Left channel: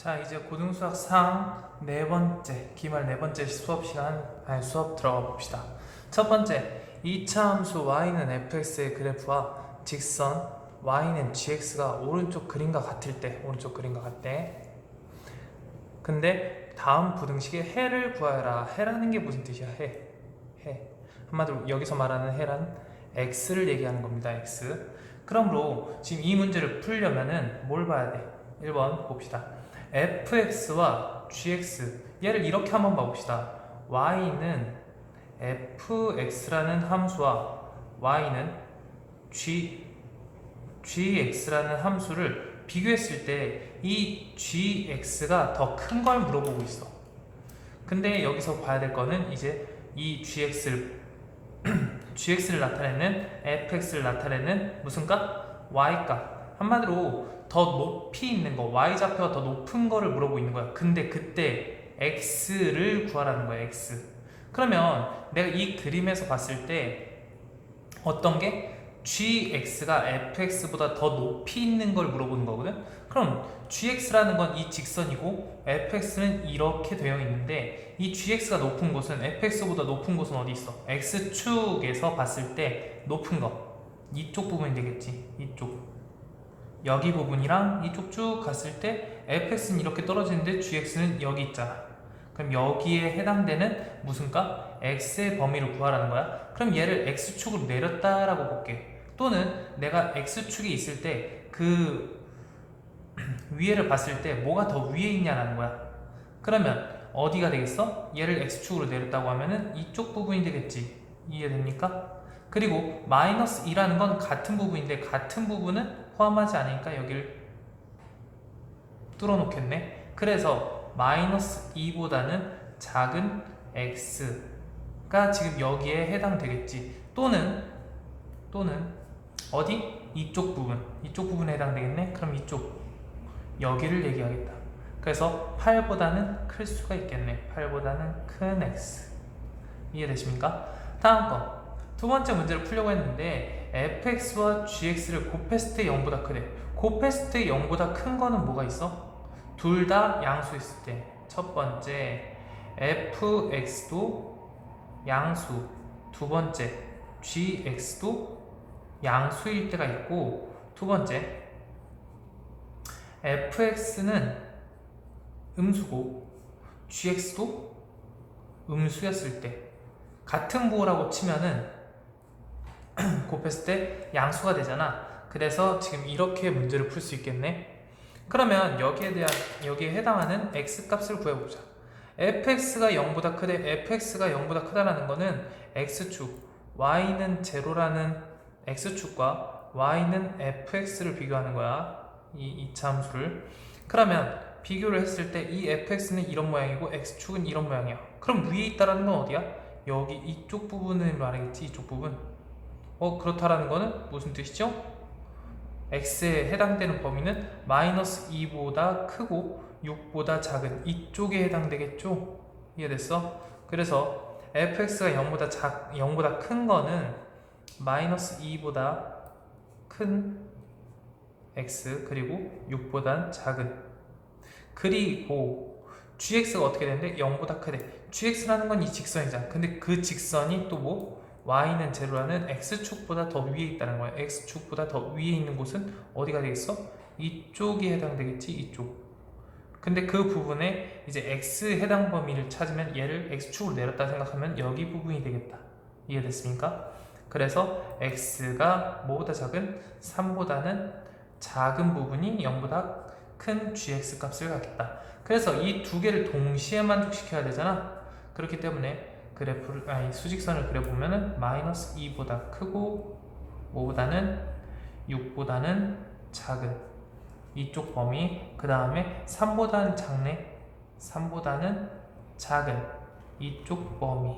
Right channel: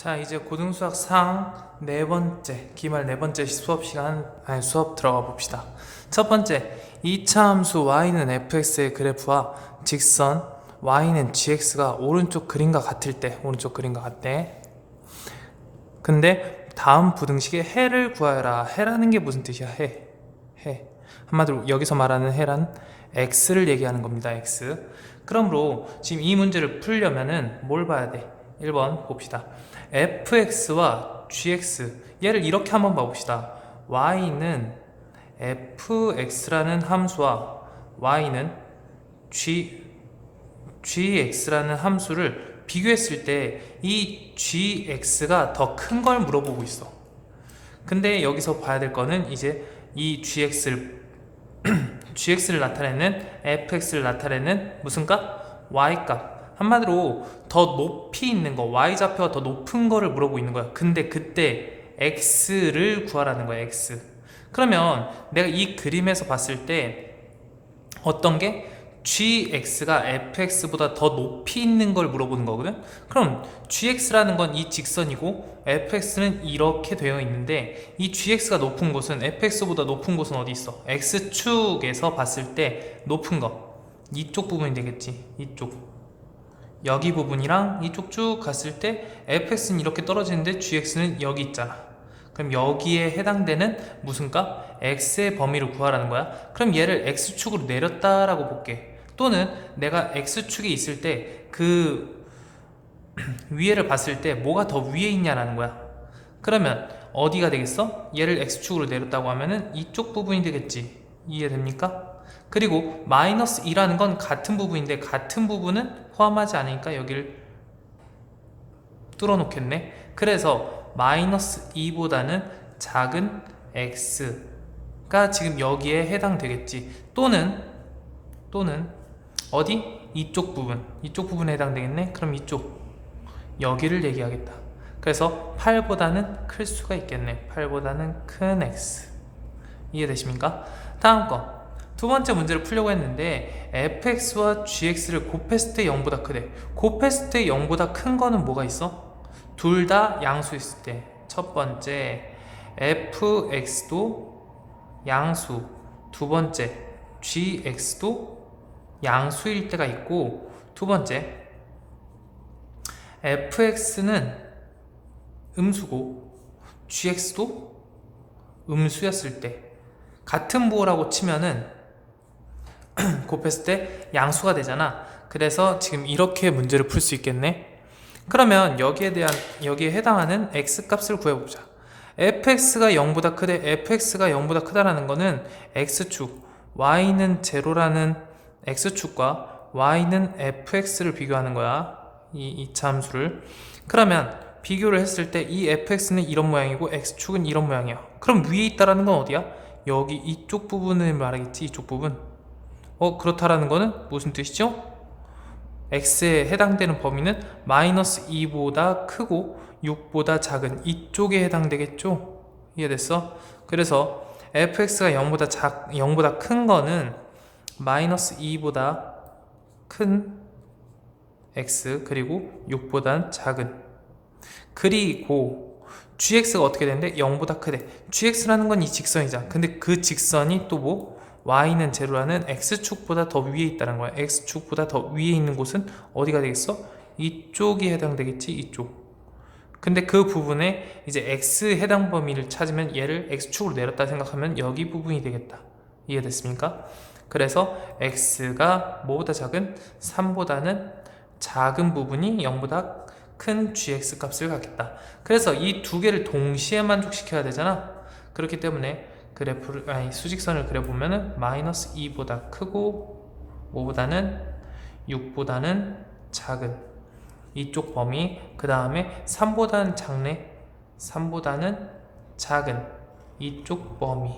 자, 이제 고등수학 상 네 번째, 기말 네 번째 수업 들어가 봅시다. 첫 번째, 2차 함수 y는 fx의 그래프와 직선 y는 gx가 오른쪽 그림과 같을 때, 근데 다음 부등식의 해를 구하여라. 해라는 게 무슨 뜻이야? 해. 한마디로 여기서 말하는 해란 x를 얘기하는 겁니다. x. 그러므로 지금 이 문제를 풀려면은 뭘 봐야 돼? 1번 봅시다. fx와 gx, 얘를 이렇게 한번 봐봅시다. y는 fx라는 함수와 y는 gx라는 함수를 비교했을 때 이 gx가 더 큰 걸 물어보고 있어. 근데 여기서 봐야 될 거는 이제 이 gx를 나타내는 fx를 나타내는 무슨 값? y값. 한마디로 더 높이 있는 거, y좌표가 더 높은 거를 물어보고 있는 거야. 근데 그때 x를 구하라는 거야. x. 그러면 내가 이 그림에서 봤을 때 어떤 게 gx가 fx보다 더 높이 있는 걸 물어보는 거거든. 그럼 gx라는 건 이 직선이고 fx는 이렇게 되어 있는데 이 gx가 높은 곳은 fx보다 높은 곳은 어디 있어? x축에서 봤을 때 높은 거 이쪽 부분이 되겠지. 이쪽 여기 부분이랑 이쪽 쭉 갔을 때 fx는 이렇게 떨어지는데 gx는 여기 있잖아. 그럼 여기에 해당되는 무슨 값? x의 범위를 구하라는 거야. 그럼 얘를 x축으로 내렸다라고 볼게. 또는 내가 x축에 있을 때 그 위에를 봤을 때 뭐가 더 위에 있냐라는 거야. 그러면 어디가 되겠어? 얘를 x축으로 내렸다고 하면은 이쪽 부분이 되겠지. 이해됩니까? 그리고 마이너스 2라는 건 같은 부분인데 같은 부분은 포함하지 않으니까 여기를 뚫어 놓겠네. 그래서 마이너스 2보다는 작은 x가 지금 여기에 해당되겠지. 또는 어디? 이쪽 부분에 해당되겠네. 그럼 이쪽 여기를 얘기하겠다. 그래서 8보다는 클 수가 있겠네. 8보다는 큰 x. 이해되십니까? 다음 거 두 번째 문제를 풀려고 했는데 fx와 gx를 곱했을 때 0보다 크대. 곱했을 때 0보다 큰 거는 뭐가 있어? 둘 다 양수였을 때. 첫 번째 fx도 양수, 두 번째 gx도 양수일 때가 있고, 두 번째 fx는 음수고 gx도 음수였을 때. 같은 부호라고 치면은 곱했을 때 양수가 되잖아. 그래서 지금 이렇게 문제를 풀 수 있겠네. 그러면 여기에 해당하는 x 값을 구해보자. fx가 0보다 크대. fx가 0보다 크다라는 거는 x축, y는 제로라는 x축과 y는 fx를 비교하는 거야. 이 이차함수를. 그러면 비교를 했을 때 이 fx는 이런 모양이고 x축은 이런 모양이야. 그럼 위에 있다라는 건 어디야? 여기 이쪽 부분을 말하겠지. 이쪽 부분. 그렇다라는 거는 무슨 뜻이죠? x에 해당되는 범위는 마이너스 2보다 크고 6보다 작은 이쪽에 해당되겠죠? 이해됐어? 그래서 fx가 0보다 큰 거는 마이너스 2보다 큰 x, 그리고 6보다 작은. 그리고 gx가 어떻게 되는데 0보다 크대. gx라는 건 이 직선이잖아. 근데 그 직선이 또 뭐? y는 제로라는 x축보다 더 위에 있다는 거야. x축보다 더 위에 있는 곳은 어디가 되겠어? 이쪽이 해당되겠지. 이쪽. 근데 그 부분에 이제 x 해당 범위를 찾으면 얘를 x축으로 내렸다 생각하면 여기 부분이 되겠다. 이해됐습니까? 그래서 x가 뭐보다 작은? 3보다는 작은 부분이 0보다 큰 gx 값을 갖겠다. 그래서 이 두 개를 동시에 만족시켜야 되잖아. 그렇기 때문에 수직선을 그려보면은 마이너스 2보다 크고 5보다는 6보다는 작은 이쪽 범위, 그 다음에 3보다는 작네. 3보다는 작은 이쪽 범위.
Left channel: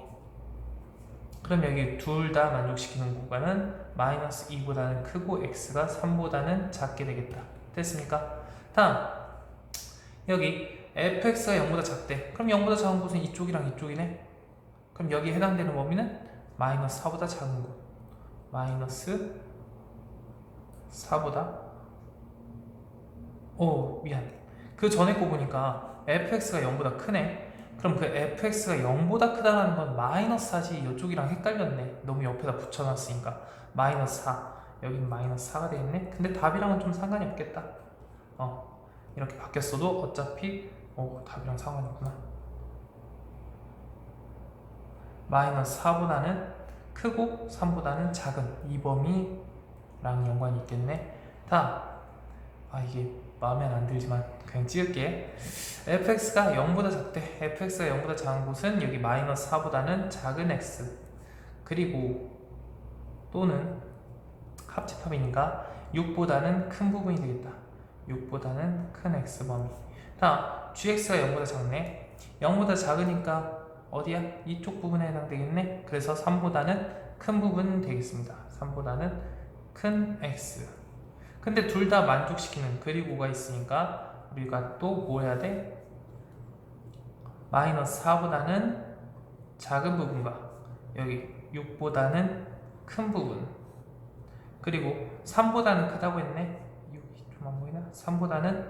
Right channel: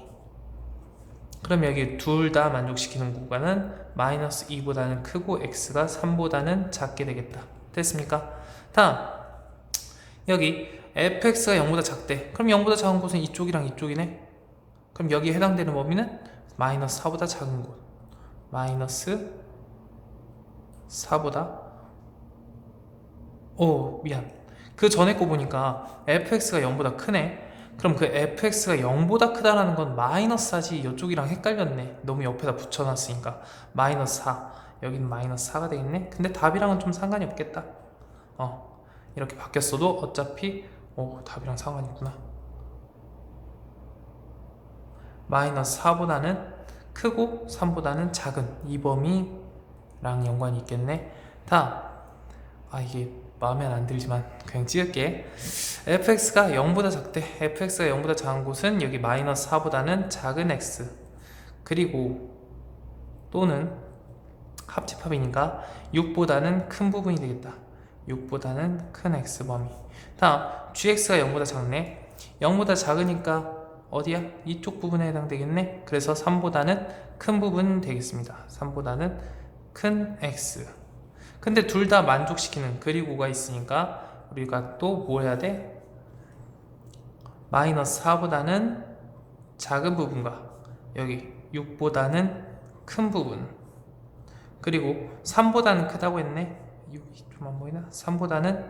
그럼 여기 둘 다 만족시키는 구간은 마이너스 2보다는 크고 x가 3보다는 작게 되겠다. 됐습니까? 다음 여기 fx가 0보다 작대. 그럼 0보다 작은 곳은 이쪽이랑 이쪽이네. 그럼 여기에 해당되는 범위는 마이너스 4보다 작은 곳. 마이너스 4보다 미안. 그 전에 거 보니까 fx가 0보다 크네. 그럼 그 fx가 0보다 크다라는 건 마이너스 4지. 이쪽이랑 헷갈렸네. 너무 옆에다 붙여놨으니까. 마이너스 4. 여기는 마이너스 4가 되겠네. 근데 답이랑은 좀 상관이 없겠다. 이렇게 바뀌었어도 어차피 답이랑 상관이 있구나. 마이너스 4보다는 크고 3보다는 작은 이 범위랑 연관이 있겠네. 다음, 이게 마음에 안 들지만 그냥 찍을게. fx가 0보다 작대. fx가 0보다 작은 곳은 여기 마이너스 4보다는 작은 x, 그리고 또는 합집합이니까 6보다는 큰 부분이 되겠다. 6보다는 큰 x 범위. 다음, gx가 0보다 작네. 0보다 작으니까 어디야? 이쪽 부분에 해당되겠네. 그래서 3보다는 큰 부분 되겠습니다. 3보다는 큰 x. 근데 둘 다 만족시키는 그리고가 있으니까 우리가 또 뭐 해야 돼? 마이너스 4보다는 작은 부분과 여기 6보다는 큰 부분, 그리고 3보다는 크다고 했네. 6이 좀 안 보이나? 3보다는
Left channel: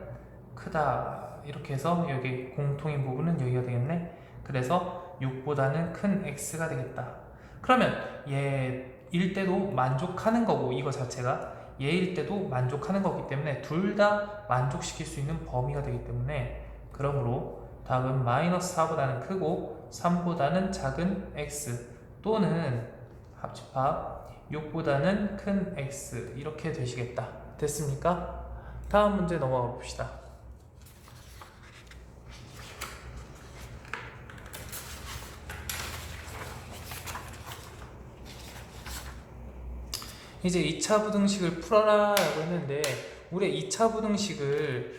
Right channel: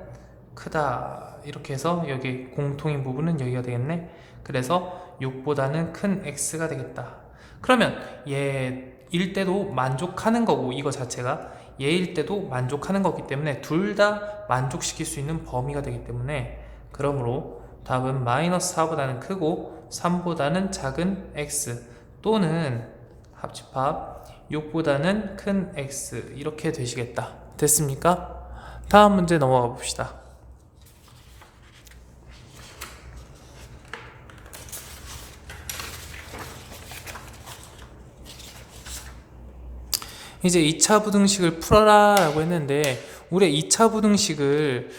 크다. 이렇게 해서 여기 공통인 부분은 여기가 되겠네. 그래서 6보다는 큰 x가 되겠다. 그러면 얘일 때도 만족하는 거고, 이거 자체가 얘일 때도 만족하는 거기 때문에 둘 다 만족시킬 수 있는 범위가 되기 때문에, 그러므로 답은 마이너스 4보다는 크고 3보다는 작은 x 또는 합집합 6보다는 큰 x 이렇게 되시겠다. 됐습니까? 다음 문제 넘어가 봅시다. 이제 2차 부등식을 풀어라 라고 했는데, 우리 2차 부등식을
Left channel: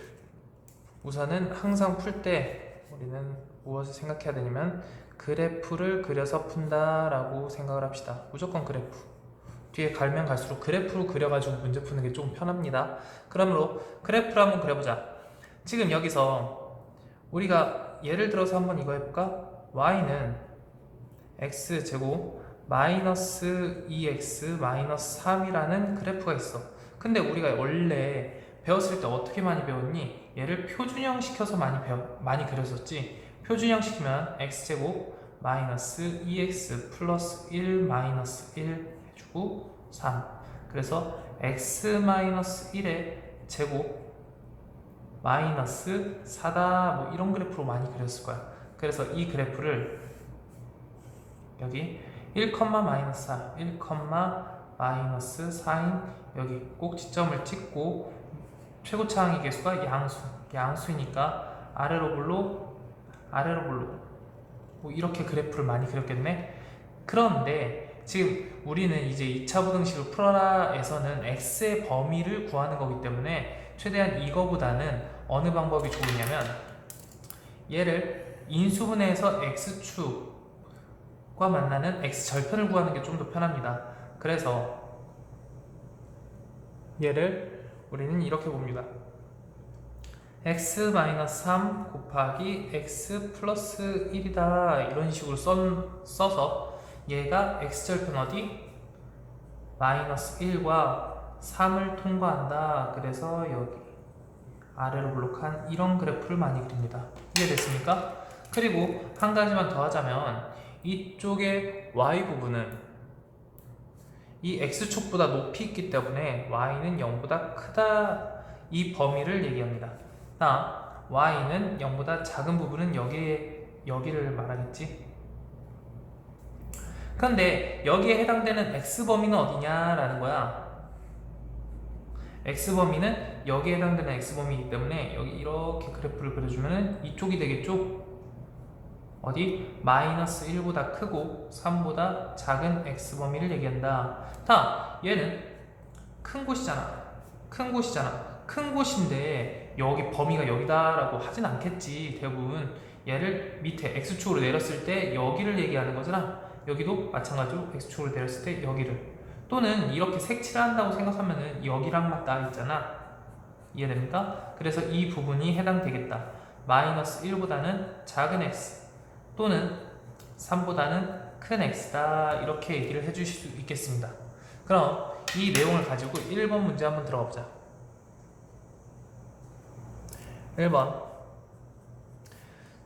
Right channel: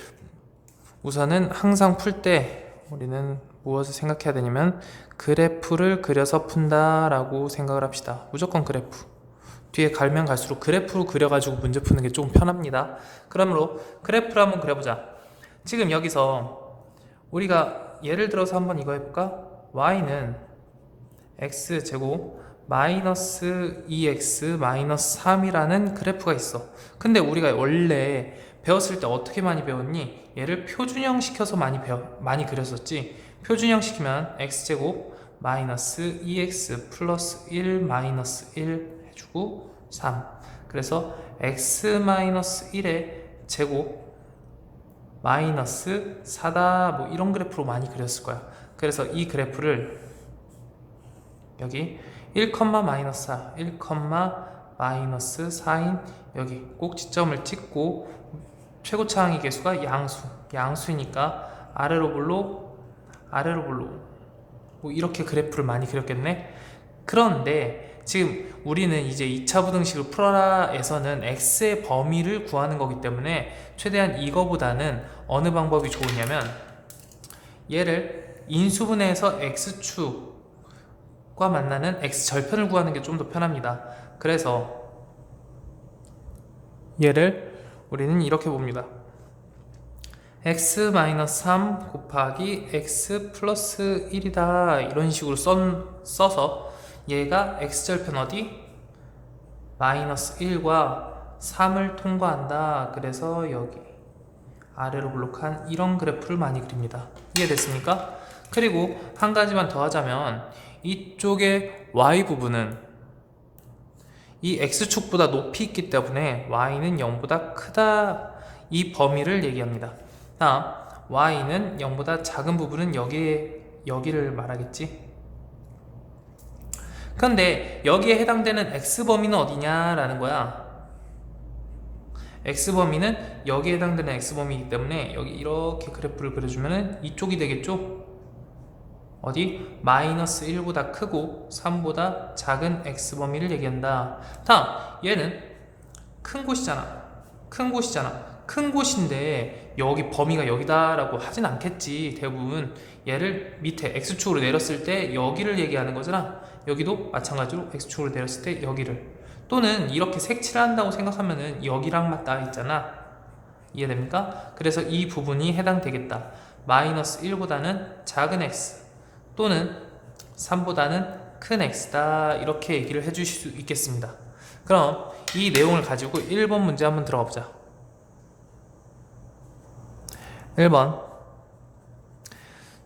우선은 항상 풀 때 우리는 무엇을 생각해야 되냐면 그래프를 그려서 푼다 라고 생각을 합시다. 무조건 그래프. 뒤에 갈면 갈수록 그래프로 그려가지고 문제 푸는 게 조금 편합니다. 그러므로 그래프를 한번 그려보자. 지금 여기서 우리가 예를 들어서 한번 이거 해볼까? y는 x제곱 마이너스 2x 마이너스 3이라는 그래프가 있어. 근데 우리가 원래 배웠을 때 어떻게 많이 배웠니? 얘를 표준형 시켜서 많이 그렸었지. 표준형 시키면 x제곱 마이너스 2x 플러스 1 마이너스 1 해주고 3. 그래서 x 마이너스 1의 제곱 마이너스 4다, 뭐 이런 그래프로 많이 그렸을 거야. 그래서 이 그래프를 여기 1, 마이너스 4, 1, 마이너스 4인 여기 꼭지점을 찍고 최고차항의 개수가 양수이니까 아래로 볼로 뭐 이렇게 그래프를 많이 그렸겠네. 그런데 지금 우리는 이제 2차 부등식을 풀어라에서는 x의 범위를 구하는 거기 때문에 최대한 이거보다는 어느 방법이 좋으냐면, 얘를 인수분해해서 x축과 만나는 x절편을 구하는 게 좀 더 편합니다. 그래서 얘를 우리는 이렇게 봅니다. x-3 곱하기 x 플러스 1이다 이런 식으로 써서 얘가 x절편 어디? 마이너스 1과 3을 통과한다. 그래서 여기 아래로 블록한 이런 그래프를 많이 그립니다. 이해됐습니까? 그리고 한 가지만 더 하자면, 이쪽의 y 부분은 이 x축보다 높이 있기 때문에 y는 0보다 크다, 이 범위를 얘기합니다. y는 0보다 작은 부분은 여기를 말하겠지. 그런데 여기에 해당되는 x범위는 어디냐라는 거야. x범위는 여기에 해당되는 x범위이기 때문에 여기 이렇게 그래프를 그려주면 이쪽이 되겠죠. 어디? 마이너스 1보다 크고 3보다 작은 x범위를 얘기한다. 다음, 얘는 큰 곳이잖아. 큰 곳인데 여기 범위가 여기다라고 하진 않겠지. 대부분 얘를 밑에 x축으로 내렸을 때 여기를 얘기하는 거잖아. 여기도 마찬가지로 x축으로 내렸을 때 여기를, 또는 이렇게 색칠을 한다고 생각하면은 여기랑 맞닿아 있잖아. 이해됩니까? 그래서 이 부분이 해당되겠다. 마이너스 1보다는 작은 x 또는 3보다는 큰 x다, 이렇게 얘기를 해주실 수 있겠습니다. 그럼 이 내용을 가지고 1번 문제 한번 들어가 보자. 1번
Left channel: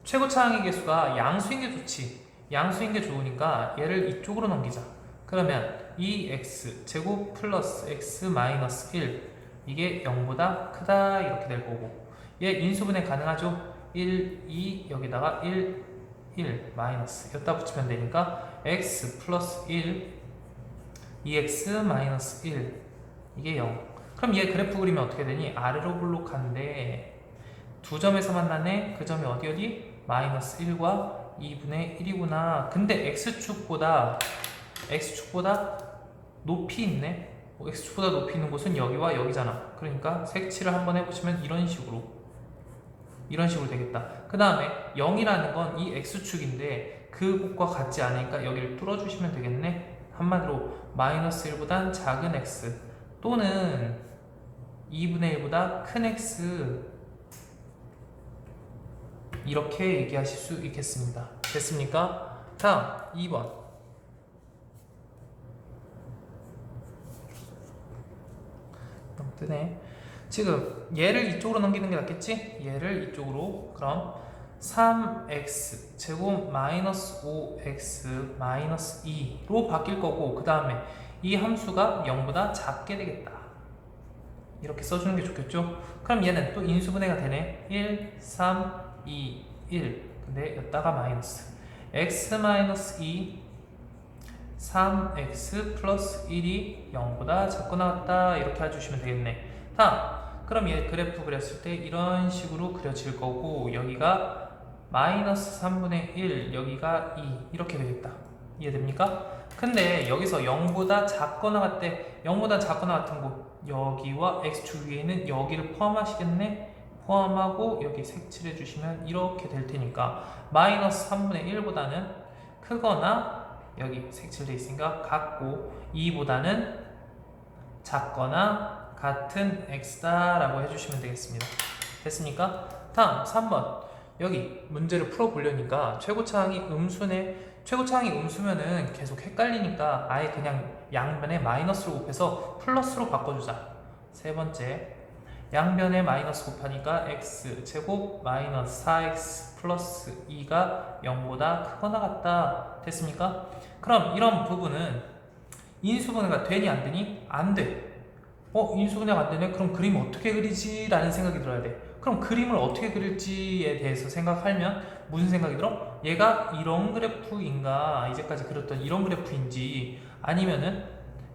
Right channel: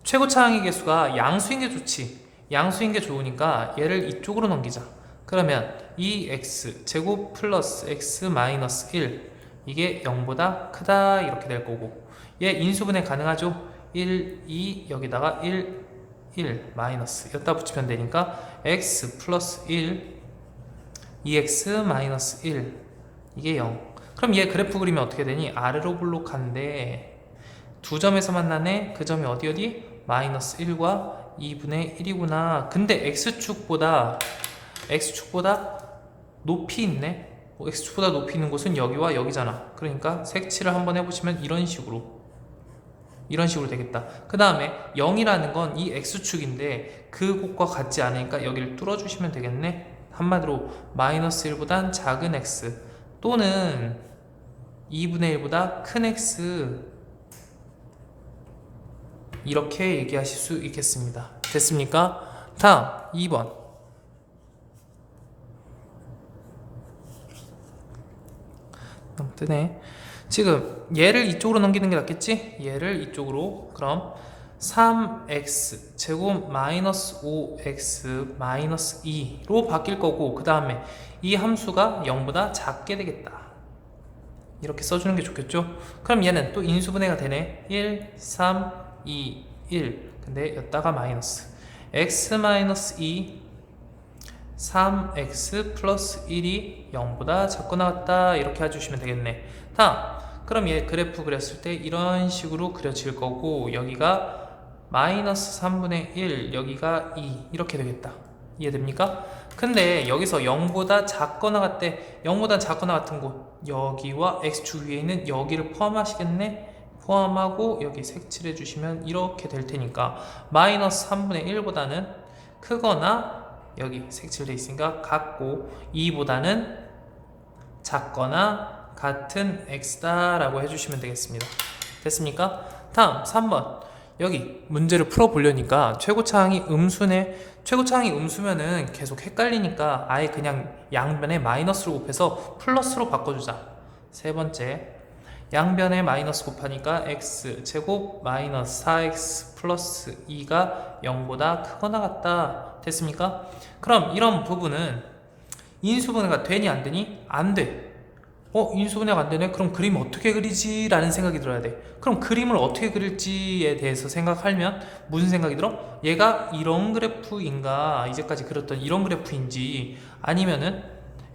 최고 차항의 개수가 양수인 게 좋지. 양수인 게 좋으니까 얘를 이쪽으로 넘기자. 그러면 2x 제곱 플러스 x 마이너스 1 이게 0보다 크다 이렇게 될 거고, 얘 인수분해 가능하죠? 1, 2 여기다가 1, 1 마이너스 여기다 붙이면 되니까 x 플러스 1 2x 마이너스 1 이게 0. 그럼 얘 그래프 그리면 어떻게 되니? 아래로 블록한데 두 점에서 만나네. 그 점이 어디? 마이너스 1과 2분의 1이구나. 근데 x축보다 높이 있네. x축보다 높이 있는 곳은 여기와 여기잖아. 그러니까 색칠을 한번 해보시면 이런 식으로 되겠다. 그 다음에 0이라는 건 이 x축인데 그곳과 같지 않으니까 여기를 뚫어주시면 되겠네. 한마디로 마이너스 1보단 작은 x 또는 2분의 1보다 큰 x 이렇게 얘기하실 수 있겠습니다. 됐습니까? 다음 2번 너무 뜨네. 지금 얘를 이쪽으로 넘기는 게 낫겠지? 얘를 이쪽으로. 그럼 3x 제곱 마이너스 5x 마이너스 2로 바뀔 거고, 그 다음에 이 함수가 0보다 작게 되겠다. 이렇게 써주는 게 좋겠죠? 그럼 얘는 또 인수분해가 되네. 1, 3, 2, 1 근데 여기다가 마이너스 x 마이너스 2 3x 플러스 1이 0보다 작거나 같다 이렇게 해주시면 되겠네. 다음 그럼 얘 그래프 그렸을 때 이런 식으로 그려질 거고, 여기가 마이너스 3분의 1 여기가 2 이렇게 되겠다. 이해됩니까? 근데 여기서 0보다 작거나 같대. 0보다 작거나 같은 곳 여기와 x축 위에 있는 여기를 포함하시겠네. 포함하고 여기 색칠해 주시면 이렇게 될 테니까 마이너스 3분의 1보다는 크거나 여기 색칠돼 있으니까 같고 2보다는 작거나 같은 x다 라고 해주시면 되겠습니다. 됐습니까? 다음 3번 여기 문제를 풀어보려니까 최고차항이 음수네. 최고차항이 음수면은 계속 헷갈리니까 아예 그냥 양변에 마이너스로 곱해서 플러스로 바꿔주자. 세 번째 양변에 마이너스 곱하니까 x 제곱 마이너스 4x 플러스 2가 0보다 크거나 같다. 됐습니까? 그럼 이런 부분은 인수분해가 되니 안 되니? 안 돼. 인수분해가 안 되네? 그럼 그림 어떻게 그리지? 라는 생각이 들어야 돼. 그럼 그림을 어떻게 그릴지에 대해서 생각하면 무슨 생각이 들어? 얘가 이런 그래프인가? 이제까지 그렸던 이런 그래프인지, 아니면은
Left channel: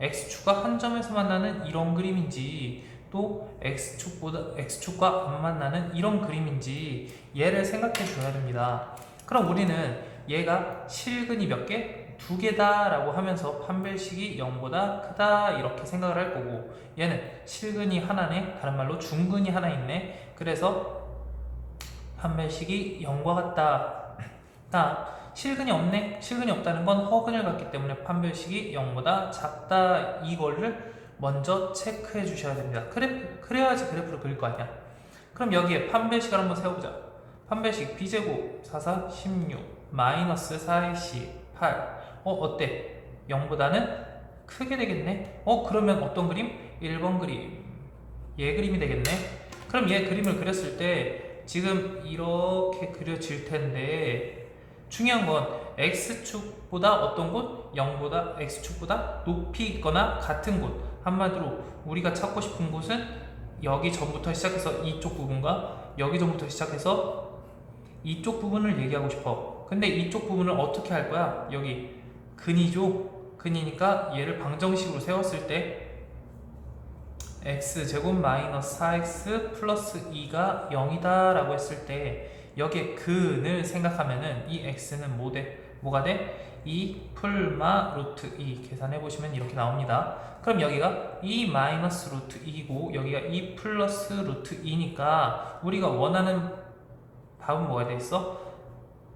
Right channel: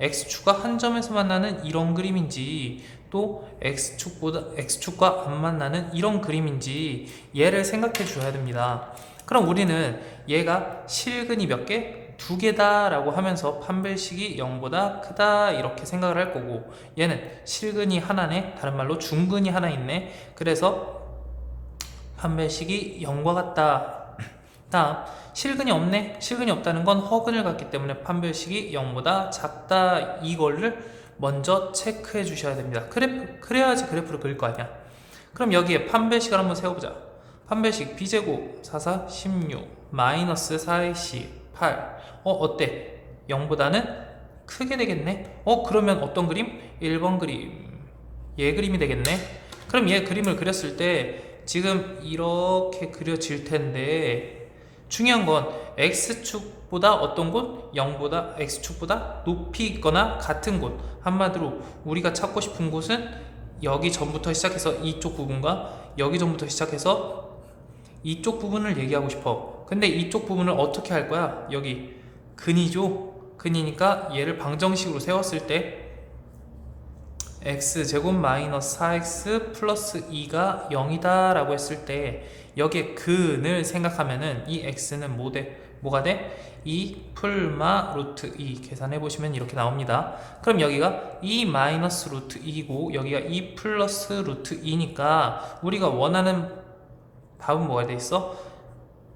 x축과 한 점에서 만나는 이런 그림인지, 또 x축과 안 만나는 이런 그림인지 얘를 생각해 줘야 됩니다. 그럼 우리는 얘가 실근이 몇 개? 두 개다 라고 하면서 판별식이 0보다 크다 이렇게 생각을 할 거고, 얘는 실근이 하나네. 다른 말로 중근이 하나 있네. 그래서 판별식이 0과 같다. 다음 실근이 없네. 실근이 없다는 건 허근을 갖기 때문에 판별식이 0보다 작다. 이거를 먼저 체크해 주셔야 됩니다. 그래야지 그래프를 그릴 거 아니야. 그럼 여기에 판별식을 한번 세워보자. 판별식 b제곱 4, 4, 16 마이너스 4ac 8 어때? 0보다는 크게 되겠네. 그러면 어떤 그림? 1번 그림. 얘 그림이 되겠네. 그럼 얘 그림을 그렸을 때 지금 이렇게 그려질 텐데, 중요한 건 x축보다 어떤 곳? 0보다 x축보다 높이 있거나 같은 곳. 한마디로 우리가 찾고 싶은 곳은 여기 전부터 시작해서 이쪽 부분과 여기 전부터 시작해서 이쪽 부분을 얘기하고 싶어. 근데 이쪽 부분을 어떻게 할 거야? 여기 근이죠? 근이니까 얘를 방정식으로 세웠을 때 x제곱 마이너스 4x 플러스 2가 0이다 라고 했을 때 여기에 근을 생각하면은 이 x는 뭐가 돼? 2 풀마 루트 2 계산해 보시면 이렇게 나옵니다. 그럼 여기가 2 마이너스 루트 2고 여기가 2 플러스 루트 2니까 우리가 원하는 답은 뭐가 돼 있어?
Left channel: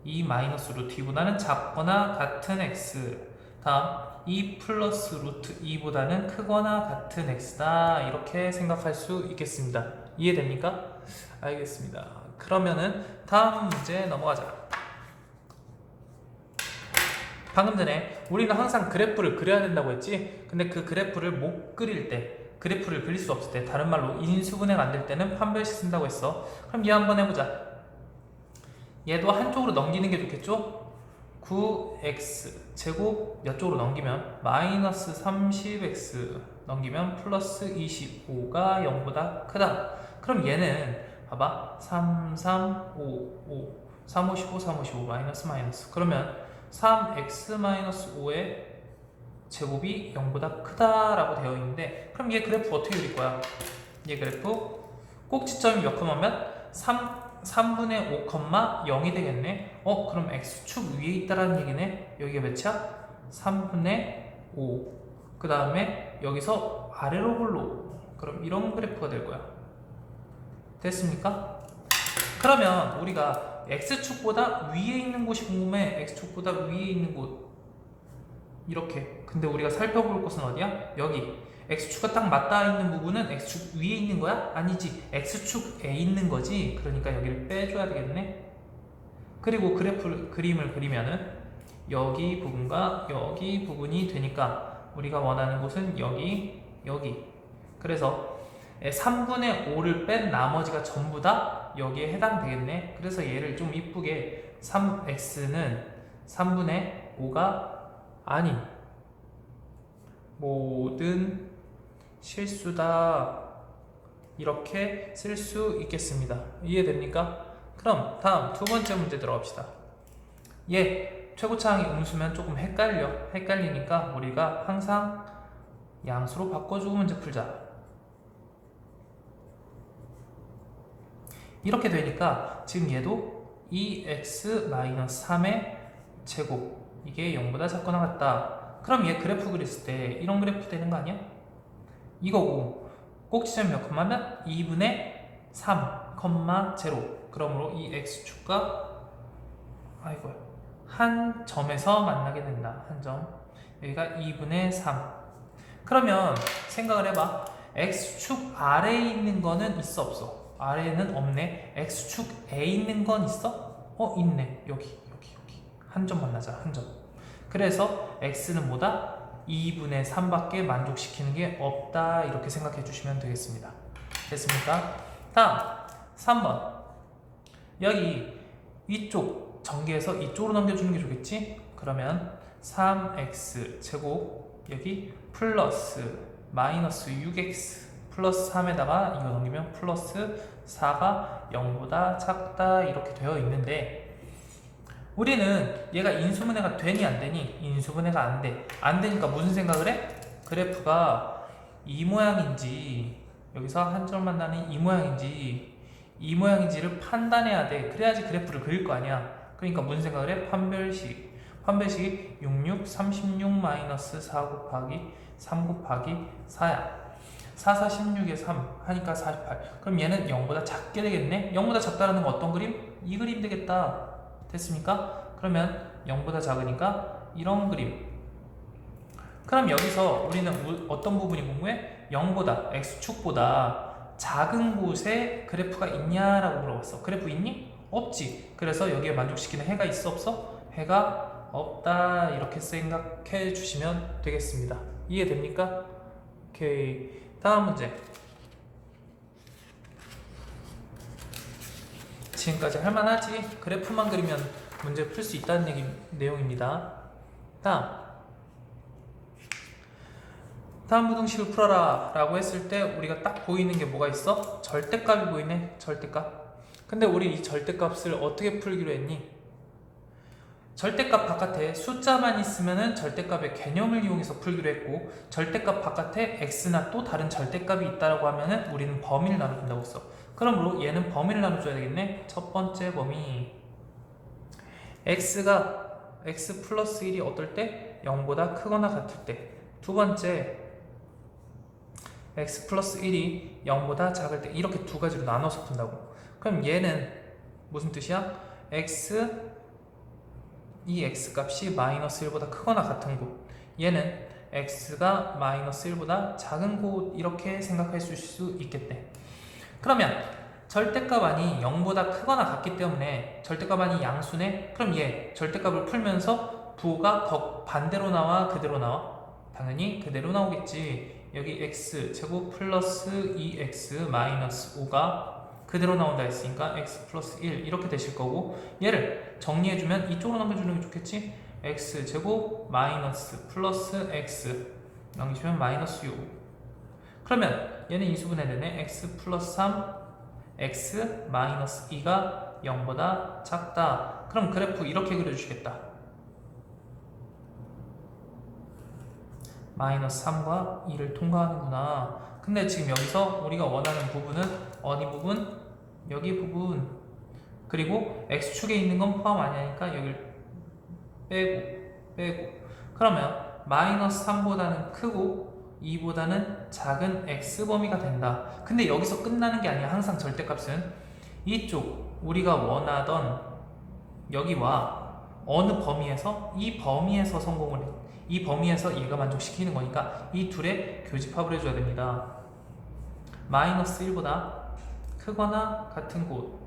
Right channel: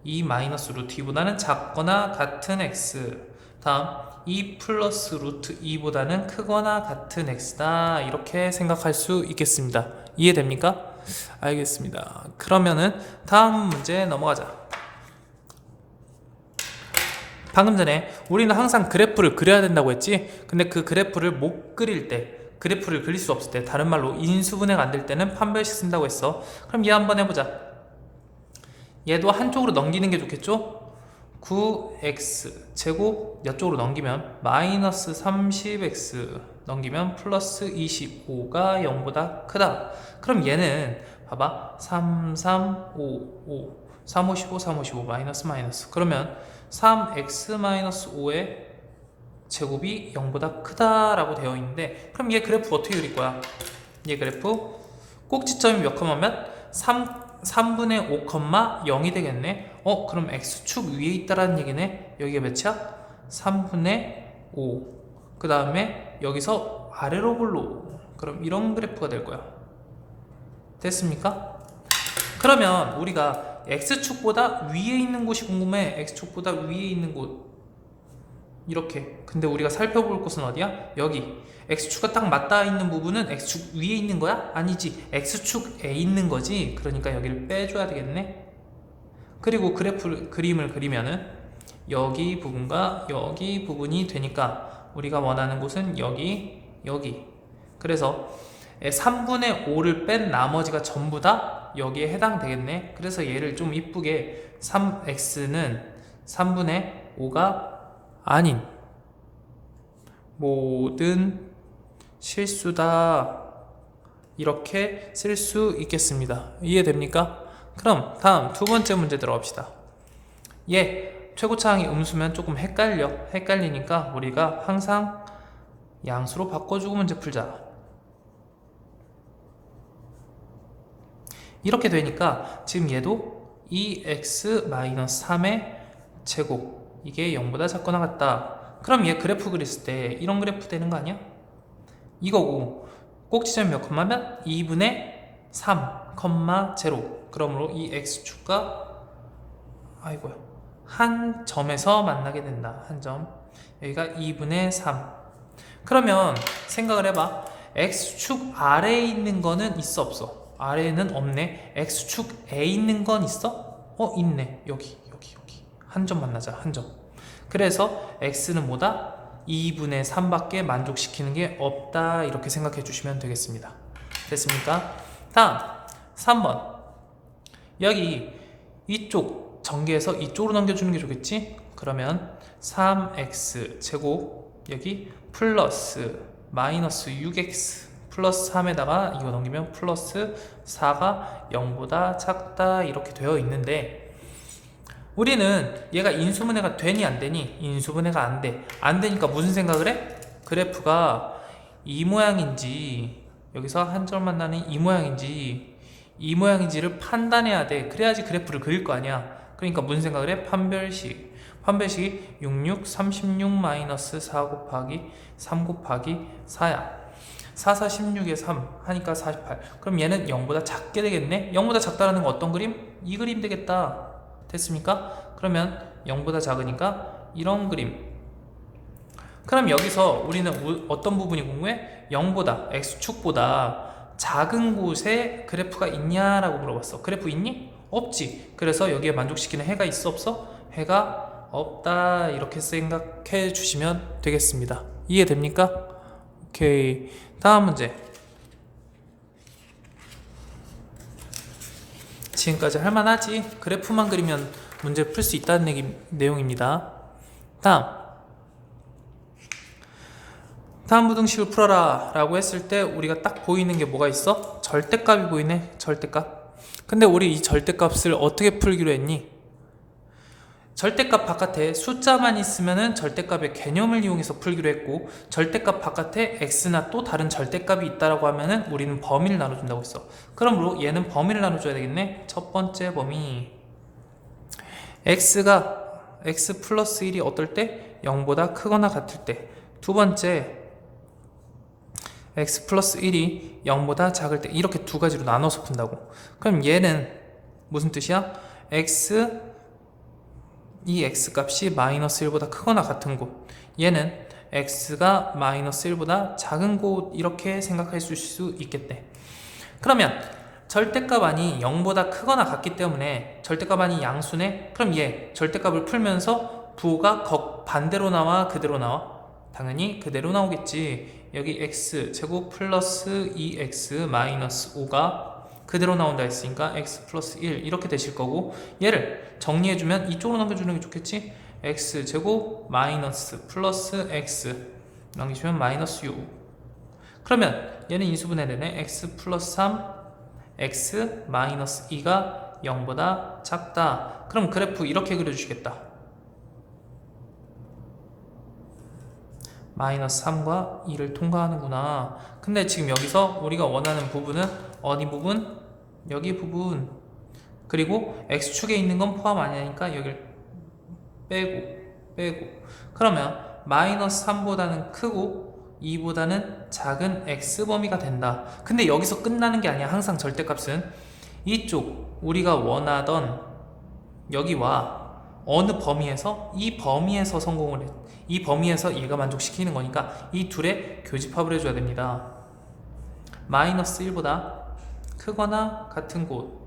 2 마이너스 루트 2보다는 작거나 같은 x. 다음 2 플러스 루트 2보다는 크거나 같은 x다 이렇게 생각할 수 있겠습니다. 이해됩니까? 알겠습니다. 그러면은 다음 문제 넘어가자. 방금 전에 우리는 항상 그래프를 그려야 된다고 했지. 근데 그 그래프를 못 그릴 때 그래프를 그릴 수 없을 때, 다른 말로 인수분해가 안 될 때는 판별식 쓴다고 했어. 그럼 얘 한번 해보자. 얘도 한쪽으로 넘기는 게 좋겠죠? 9x 제곱 이쪽으로 넘기면 마이너스 30x 넘기면 플러스 25가 0보다 크다. 그럼 얘는 봐봐, 3, 3, 5, 5 3, 5, 15, 3, 5, 15 마이너스 마이너스, 그러면 3x 마이너스 5의 제곱이 0보다 크다라고 되어 있는데, 그럼 얘 그래프 어떻게 그릴 거야? 얘 그래프 꼭지점이 몇 컴마면 3분의 5, 0이 되겠네. 그럼 x축 위에 있다라는 얘기네. 여기가 몇이야? 3분의 5. 그 다음에 여기서 아래로 볼로. 그럼 이런 그래프가 될 거야. 됐습니까? 그러면 우리가 x축보다 위에 있는 곳이 궁금해. x축보다 위에 있는 곳. 이렇게. 근데 우리가 살펴볼 곳은 어디야? 여기. x축과 딱 맞닿아 있는 부분은 x축 위에 있는 거야? 아니지. x축에 있는 거지. 그러니까 여기를 빼줘야 되겠네. 그리고 그림을 그리면은 여기 부분과 여기 부분이 되니까 우리가 원하는 곳은 여기, 여기. 그래서 3분의 5를 뺀 나머지가 전부 다 여기에 해당되겠네. 그래서 얘를 좀 이쁘게 3x는 3분의 5가 아닌 모든 실수다, 이렇게 쓸 수 있겠습니다. 이해됩니까? 그럼 다음 두 번째 문제 들어갑시다. 얘 최고차항이 음수면 조금 헷갈리니까 우리가 항상 양수로 바꿔주고 문제 풀자. 이렇게 되니까 지금 얘도 2x-3의 제곱, 이게 0보다 작거나 같다. 그럼 얘 그래프 그렸을 때 이런 그래프 되는 거 아니야? 이거고, 꼭지점이 몇 컴마면 2분의 3, 0. 그러므로 이 x축과 한 점에서 만나게 된다. 한 점. 여기가 2분의 3. 그러면 생각을 해봐. x축 아래에 있는 거는 있어 없어? 아래에는 없네. x축에 있는 건 있어? 있네. 여기. 한 점 만나자. 한 점. 그래서 x는 뭐다? 2분의 3밖에 만족시키는 게 없다. 이렇게 생각해 주시면 되겠습니다. 됐습니까? 다음 3번. 여기 이쪽 전개해서 이쪽으로 넘겨주는 게 좋겠지? 그러면 3x 제곱 여기 플러스 마이너스 6x 플러스 3에다가 이거 넘기면 플러스 4가 0보다 작다, 이렇게 되어 있는데, 우리는 얘가 인수분해가 되니 안 되니? 인수분해가 안 돼. 안 되니까 무슨 생각을 해? 그래프가 이 모양인지, 여기서 한 점 만나는 이 모양인지를 판단해야 돼. 그래야지 그래프를 그릴 거 아니야. 그러니까 무슨 생각을 해? 판별식이 66, 36 마이너스 4 곱하기 3 곱하기 4야. 4, 4, 16에 3 하니까 48. 그럼 얘는 0보다 작게 되겠네? 0보다 작다는 건 어떤 그림? 이 그림 되겠다. 됐습니까? 그러면 0보다 작으니까 이런 그림. 그럼 여기서 우리는 어떤 부분이 궁금해? 0보다, x축보다 작은 곳에 그래프가 있냐라고 물어봤어. 그래프 있니? 없지. 그래서 여기에 만족시키는 해가 있어 없어? 해가 없다. 이렇게 생각해 주시면 되겠습니다. 이해됩니까? 오케이. 다음 문제. 지금까지 할만하지? 그래프만 그리면 문제 풀 수 있다는 내용입니다. 다음 부등식을 풀어라 라고 했을 때 우리가 딱 보이는 게 뭐가 있어? 절대값이 보이네. 절대값. 근데 우리 이 절대값을 어떻게 풀기로 했니? 절대값 바깥에 숫자만 있으면은 절대값의 개념을 이용해서 풀기로 했고, 절대값 바깥에 x나 또 다른 절대값이 있다라고 하면은 우리는 범위를 나눠준다고 했어. 그러므로 얘는 범위를 나눠줘야 되겠네. 첫 번째 범위, x 플러스 1이 어떨 때? 0보다 크거나 같을 때. 두 번째, x 플러스 1이 0보다 작을 때. 이렇게 두 가지로 나눠서 푼다고. 그럼 얘는 무슨 뜻이야? 이 x값이 마이너스 1보다 크거나 같은 곳, 얘는 x가 마이너스 1보다 작은 곳, 이렇게 생각하실 수 있겠네. 그러면 절대값 안이 0보다 크거나 같기 때문에 절대값 안이 양수네. 그럼 얘 절대값을 풀면서 부호가 반대로 나와 그대로 나와? 당연히 그대로 나오겠지. 여기 x 제곱 플러스 2x 마이너스 5가 그대로 나온다 했으니까 x 플러스 1 이렇게 되실 거고, 얘를 정리해주면 이쪽으로 남겨주는 게 좋겠지? x 제곱 마이너스 플러스 x 남기시면 마이너스 6. 그러면 얘는 인수분해되네. x 플러스 3 x 마이너스 2가 0보다 작다. 그럼 그래프 이렇게 그려주시겠다. 마이너스 3과 2를 통과하는구나. 근데 지금 여기서 우리가 원하는 부분은 어디 부분? 여기 부분. 그리고 x축에 있는 건 포함 아니니까 여기를 빼고. 그러면 마이너스 3보다는 크고 2보다는 작은 x 범위가 된다. 근데 여기서 끝나는 게 아니야. 항상 절대값은 이쪽 우리가 원하던 여기와 어느 범위에서 이 범위에서 성공을 해. 이 범위에서 얘가 만족시키는 거니까 이 둘의 교집합을 해줘야 됩니다. 마이너스 1보다 크거나 같은 곳,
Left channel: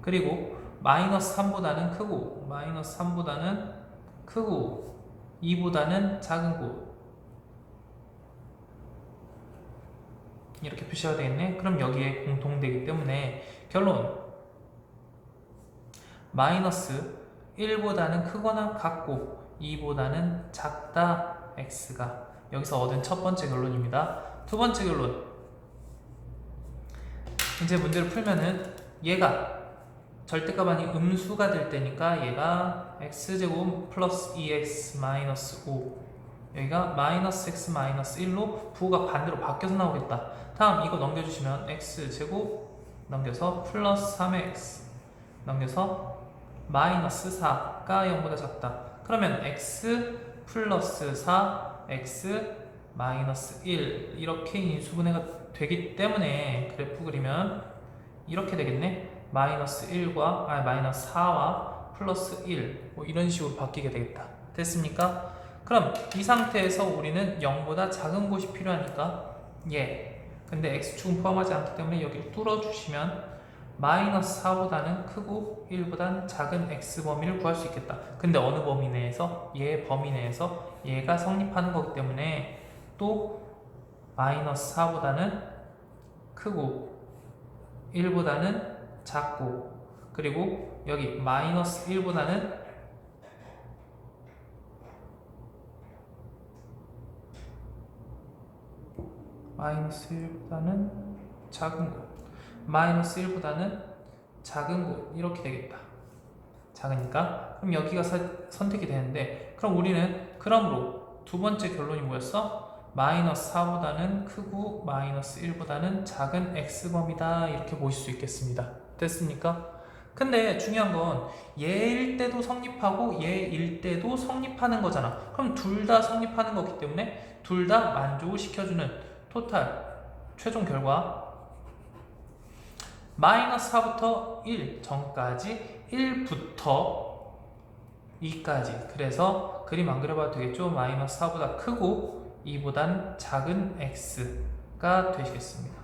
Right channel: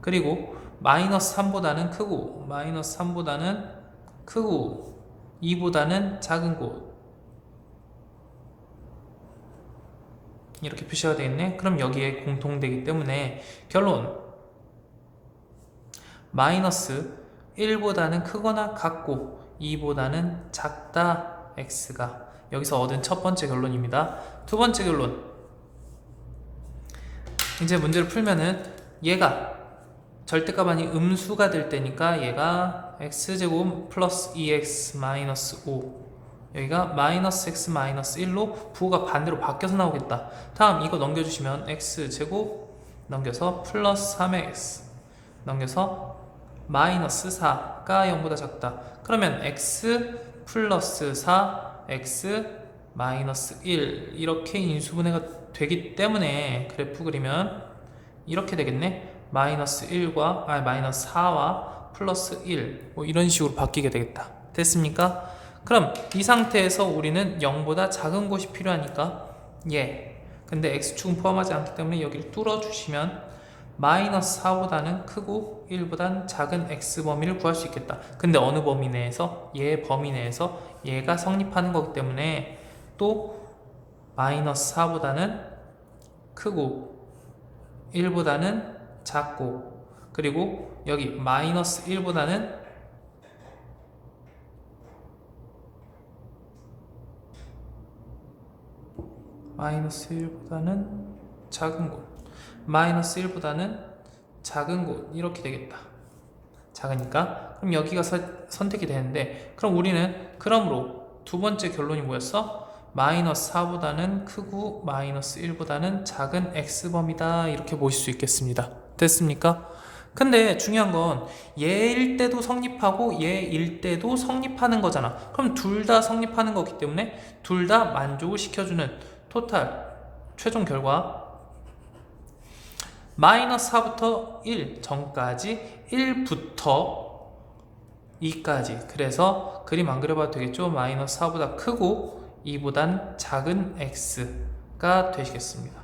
그리고 마이너스 3보다는 크고 마이너스 3보다는 크고 2보다는 작은 곳, 이렇게 표시가 되겠네. 그럼 여기에 공통되기 때문에 결론, 마이너스 1보다는 크거나 같고 2보다는 작다 x가 여기서 얻은 첫 번째 결론입니다. 두 번째 결론, 이제 문제를 풀면은 얘가 절대값 아닌 음수가 될 때니까 얘가 x제곱 플러스 2x 마이너스 5, 여기가 마이너스 x 마이너스 1로 부호가 반대로 바뀌어서 나오겠다. 다음 이거 넘겨주시면 x제곱 넘겨서 플러스 3x 넘겨서 마이너스 4가 0보다 작다. 그러면 x 플러스 4 x 마이너스 1 이렇게 인수분해가 되기 때문에 그래프 그리면 이렇게 되겠네. 마이너스 1과 마이너스 4와 플러스 1 뭐 이런 식으로 바뀌게 되겠다. 됐습니까? 그럼 이 상태에서 우리는 0보다 작은 곳이 필요하니까 근데 x축은 포함하지 않기 때문에 여기를 뚫어주시면 마이너스 4보다는 크고 1보다는 작은 x 범위를 구할 수 있겠다. 근데 어느 범위 내에서? 얘 범위 내에서 얘가 성립하는 거기 때문에 또 마이너스 4보다는 크고 1보다는 작고, 그리고 여기 마이너스 1보다는 작은 곳, 마이너스 1보다는 작은 곳 이렇게 되겠다. 작으니까 그럼 여기가 선택이 되는데, 그럼 우리는 그러므로 두 번째 결론이 뭐였어? 마이너스 4보다는 크고 마이너스 1보다는 작은 x범위다 이렇게 보실 수 있겠습니다. 됐습니까? 근데 중요한 건 얘일 때도 성립하고 얘일 때도 성립하는 거잖아. 그럼 둘 다 성립하는 거기 때문에 둘 다 만족을 시켜주는 토탈 최종 결과 마이너스 4부터 1 전까지 1부터 2까지. 그래서 그림 안 그려봐도 되겠죠? 마이너스 4보다 크고 2보단 작은 x가 되시겠습니다.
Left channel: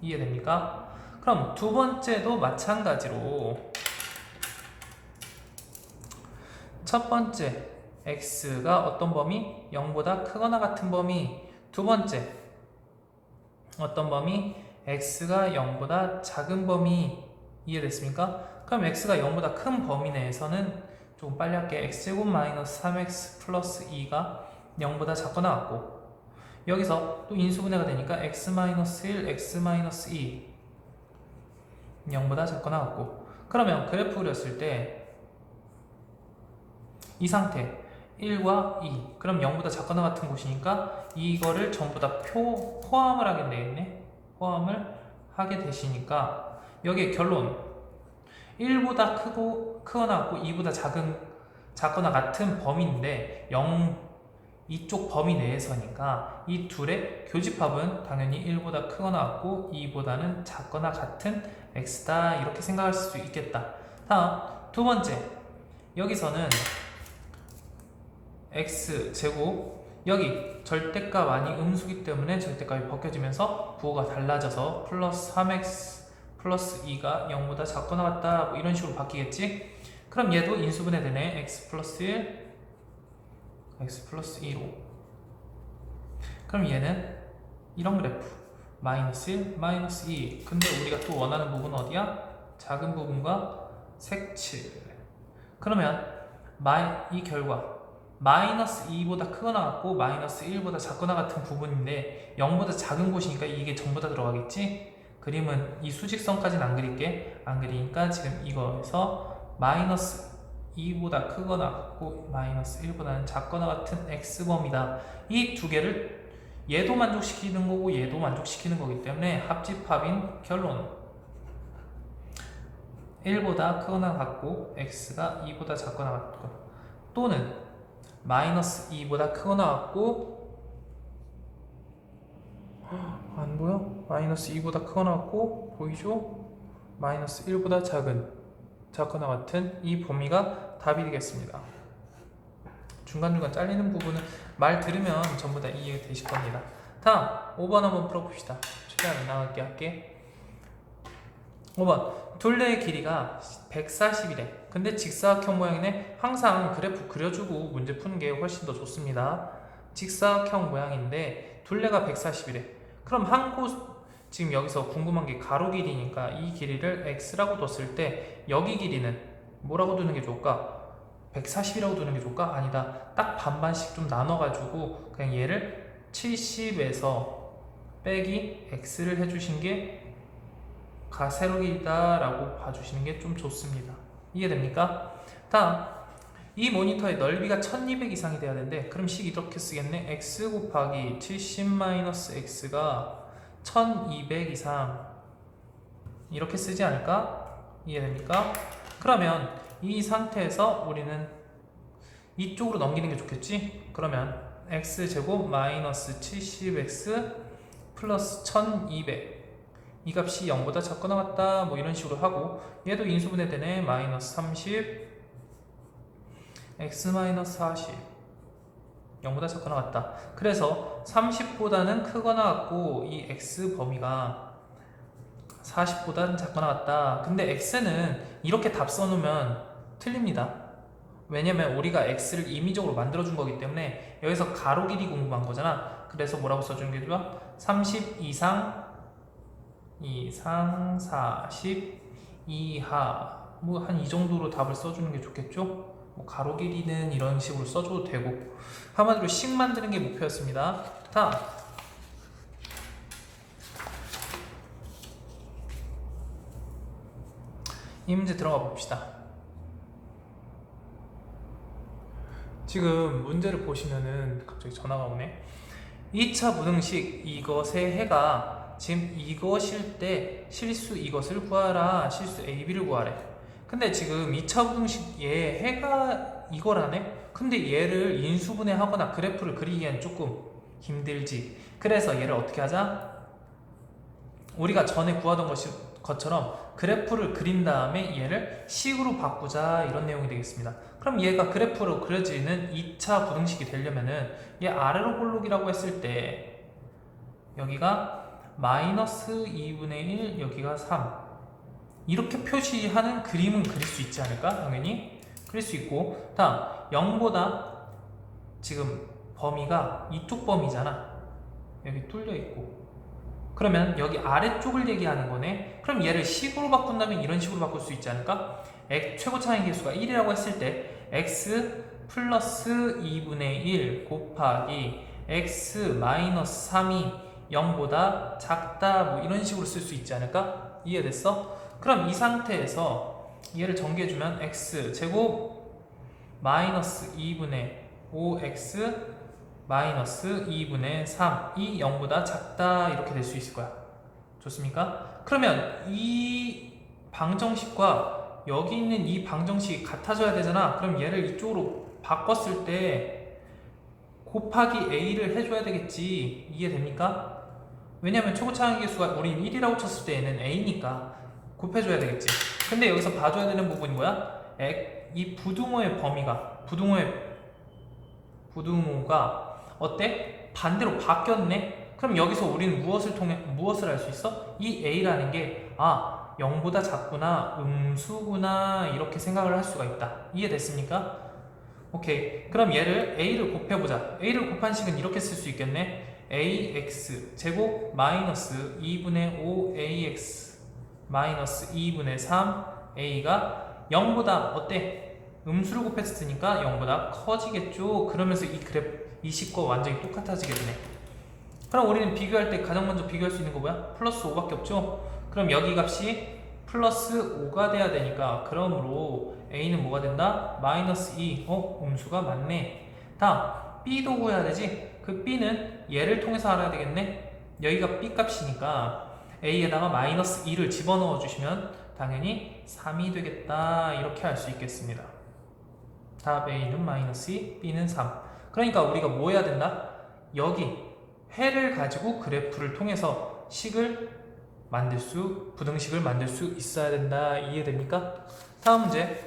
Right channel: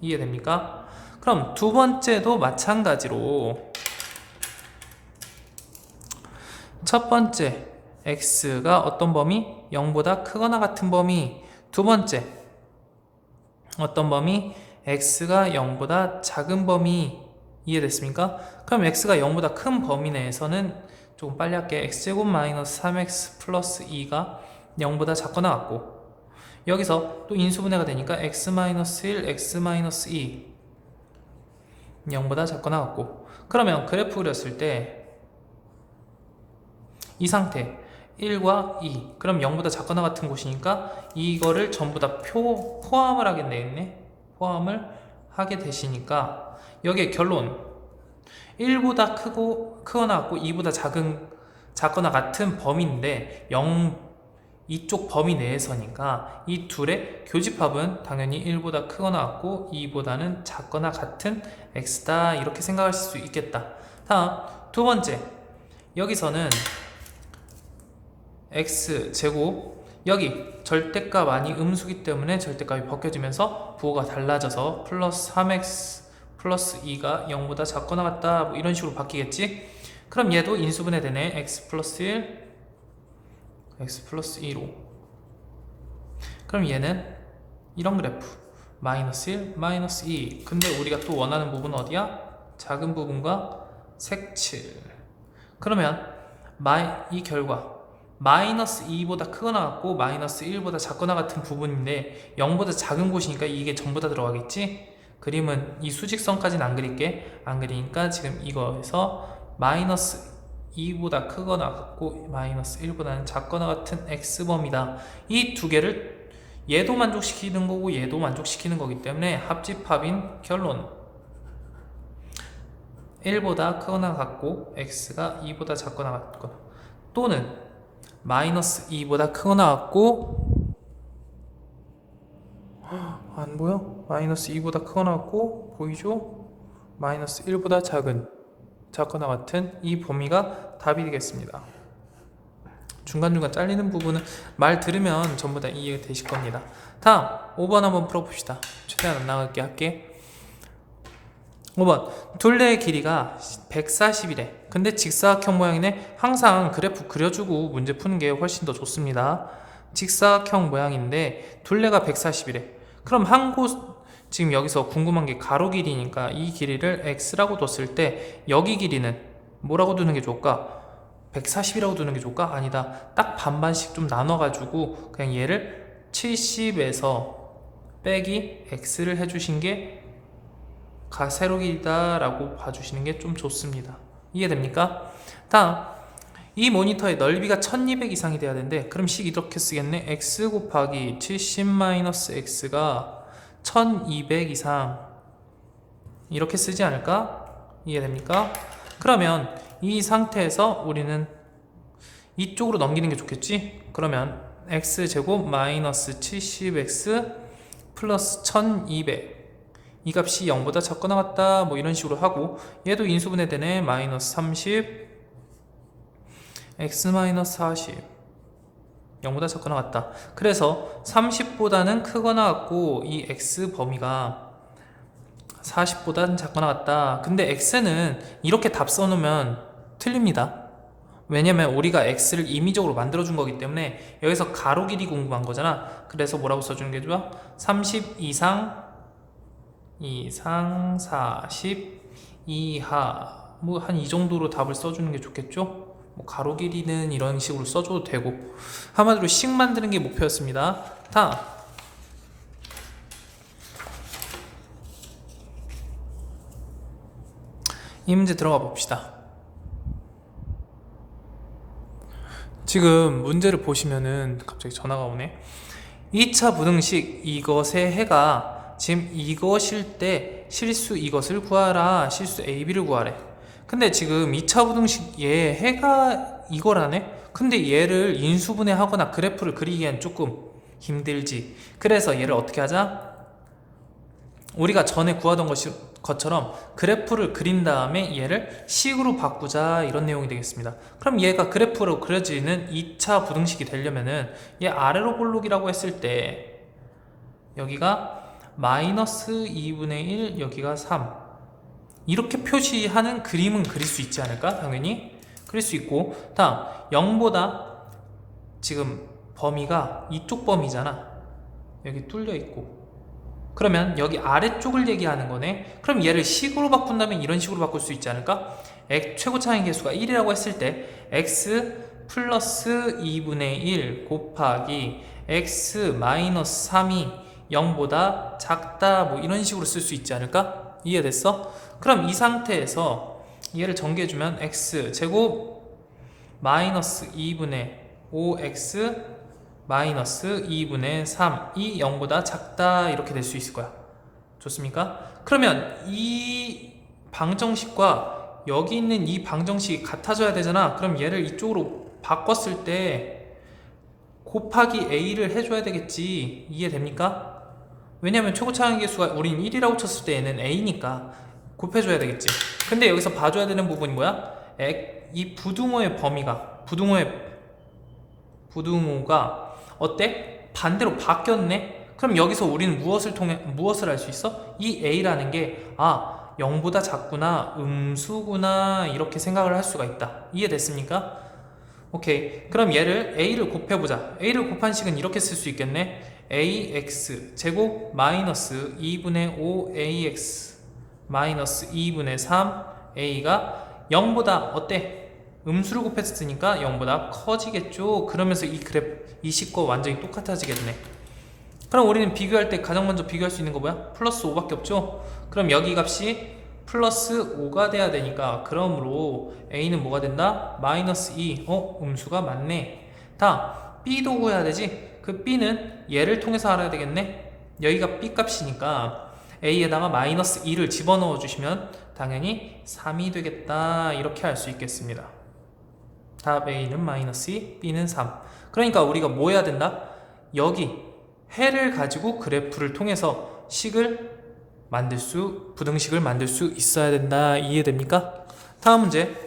이해됩니까? 그럼 두 번째도 마찬가지로 첫 번째 x가 어떤 범위? 0보다 크거나 같은 범위. 두 번째 어떤 범위? x가 0보다 작은 범위. 이해됐습니까? 그럼 x가 0보다 큰 범위 내에서는 조금 빨리 할게. x제곱 마이너스 3x 플러스 2가 0보다 작거나 같고, 여기서 또 인수분해가 되니까 x-1, x-2 0보다 작거나 같고, 그러면 그래프 그렸을 때 이 상태 1과 2 그럼 0보다 작거나 같은 곳이니까 이거를 전부 다 포함을 하게 되겠네. 포함을 하게 되시니까 여기에 결론 1보다 크거나 같고 2보다 작거나 같은 범위인데 이쪽 범위 내에서니까 이 둘의 교집합은 당연히 1보다 크거나 같고 2보다는 작거나 같은 x다 이렇게 생각할 수 있겠다. 다음 두 번째, 여기서는 x제곱 여기 절대값 아니 음수기 때문에 절대값이 벗겨지면서 부호가 달라져서 플러스 3x 플러스 2가 0보다 작거나 같다 뭐 이런 식으로 바뀌겠지. 그럼 얘도 인수분해 되네. x 플러스 1 x 플러스 2로. 그럼 얘는 이런 그래프 마이너스 1, 마이너스 2. 근데 우리가 또 원하는 부분은 어디야? 작은 부분과 색칠. 그러면 이 결과 마이너스 2보다 크거나 같고 마이너스 1보다 작거나 같은 부분인데 0보다 작은 곳이니까 이게 전부 다 들어가겠지? 그림은 이 수직선까지는 안 그릴게. 안 그리니까 지금 이거에서 마이너스 2보다 크거나 같고 마이너스 1보다는 작거나 같은 x범위다. 이 두 개를 얘도 만족시키는 거고 얘도 만족시키는 거기 때문에 합집합인 결론 1보다 크거나 같고 x가 2보다 작거나 같고 또는 마이너스 2보다 크거나 같고 안 보여? 마이너스 2보다 크거나 같고 보이죠? 마이너스 1보다 작거나 같은 이 범위가 답이 되겠습니다. 중간중간 잘리는 부분은 말 들으면 전부 다 이해가 되실 겁니다. 다음 5번 한번 풀어봅시다. 최대한 안 나가게 할게. 5번 둘레의 길이가 140이래. 근데 직사각형 모양이네. 항상 그래프 그려주고 문제 푸는 게 훨씬 더 좋습니다. 직사각형 모양인데 둘레가 140이래. 그럼 한 곳 지금 여기서 궁금한 게 가로 길이니까 이 길이를 x라고 뒀을 때 여기 길이는 뭐라고 두는 게 좋을까? 140이라고 두는 게 좋을까? 아니다. 딱 반반씩 좀 나눠가지고 그냥 얘를 70에서 빼기 x를 해주신 게 세로 길이다 라고 봐주시는 게 좀 좋습니다. 이해됩니까? 다음 이 모니터의 넓이가 1200 이상이 돼야 되는데 그럼 식 이렇게 쓰겠네. x 곱하기 70-x가 1200 이상 이렇게 쓰지 않을까? 이해됩니까? 그러면 이 상태에서 우리는 이쪽으로 넘기는 게 좋겠지? 그러면 x제곱 마이너스 70x 플러스 1200 이 값이 0보다 작거나 같다 뭐 이런 식으로 하고 얘도 인수분해 되네. 마이너스 30 x 마이너스 40 0보다 작거나 같다. 그래서 30보다는 크거나 같고 이 x 범위가 40보다는 작거나 같다. 근데 x는 이렇게 답 써놓으면 틀립니다. 왜냐면 우리가 x를 임의적으로 만들어준 거기 때문에 여기서 가로 길이 궁금한 거잖아. 그래서 뭐라고 써주는 게 좋아? 30 이상 40 이하 뭐 한 이 정도로 답을 써주는 게 좋겠죠? 뭐 가로 길이는 이런 식으로 써줘도 되고 한마디로 식 만드는 게 목표였습니다. 다음 이 문제 들어가 봅시다. 지금 문제를 보시면은 갑자기 전화가 오네. 2차 부등식 이것의 해가 지금 이것일 때 실수 이것을 구하라. 실수 A, B를 구하래. 근데 지금 2차 부등식 얘 해가 이거라네? 근데 얘를 인수분해 하거나 그래프를 그리기엔 조금 힘들지. 그래서 얘를 어떻게 하자? 우리가 전에 구하던 것처럼 그래프를 그린 다음에 얘를 식으로 바꾸자 이런 내용이 되겠습니다. 그럼 얘가 그래프로 그려지는 2차 부등식이 되려면은 얘 아래로 볼록이라고 했을 때 여기가 마이너스 2분의 1 여기가 3 이렇게 표시하는 그림은 그릴 수 있지 않을까? 당연히 그릴 수 있고 다음 0보다 지금 범위가 이쪽 범위잖아. 여기 뚫려 있고 그러면 여기 아래쪽을 얘기하는 거네. 그럼 얘를 식으로 바꾼다면 이런 식으로 바꿀 수 있지 않을까? 최고차항의 개수가 1이라고 했을 때 x 플러스 2분의 1 곱하기 x 마이너스 3이 0보다 작다 뭐 이런 식으로 쓸 수 있지 않을까? 이해됐어? 그럼 이 상태에서 얘를 정리해주면 x 제곱 마이너스 2분의 5x 마이너스 2분의 3이 0보다 작다 이렇게 될 수 있을 거야. 좋습니까? 그러면 이 방정식과 여기 있는 이 방정식이 같아져야 되잖아. 그럼 얘를 이쪽으로 바꿨을 때 곱하기 a를 해줘야 되겠지. 이해됩니까? 왜냐면 최고차항의 개수가 우린 1이라고 쳤을 때 얘는 a니까 곱해줘야 되겠지. 근데 여기서 봐줘야 되는 부분이 뭐야? 이 부등호의 범위가 부등호가 어때? 반대로 바뀌었네? 그럼 여기서 우리는 무엇을 알 수 있어? 이 a라는 게 0보다 작구나, 음수구나 이렇게 생각을 할 수가 있다. 이해됐습니까? 오케이. 그럼 얘를 a를 곱해보자. a를 곱한 식은 이렇게 쓸 수 있겠네. ax 제곱 마이너스 2분의 5ax 마이너스 2분의 3a가 0보다 어때? 음수를 곱했으니까 0보다 커지겠죠. 그러면서 이 그래프 이 식과 완전히 똑같아지겠네. 그럼 우리는 비교할 때 가장 먼저 비교할 수 있는 거 뭐야? 플러스 5밖에 없죠. 그럼 여기 값이 플러스 5가 돼야 되니까 그러므로 a는 뭐가 된다? 마이너스 2. 음수가 맞네. 다음 b도 구해야 되지. 그 b는 얘를 통해서 알아야 되겠네. 여기가 b 값이니까 a에다가 마이너스 2를 집어넣어 주시면 당연히 3이 되겠다. 이렇게 할 수 있겠습니다. 답 a는 마이너스 2, b는 3. 그러니까 우리가 뭐 해야 된다? 여기 해를 가지고 그래프를 통해서 부등식을 만들 수 있어야 된다. 이해됩니까? 다음 문제.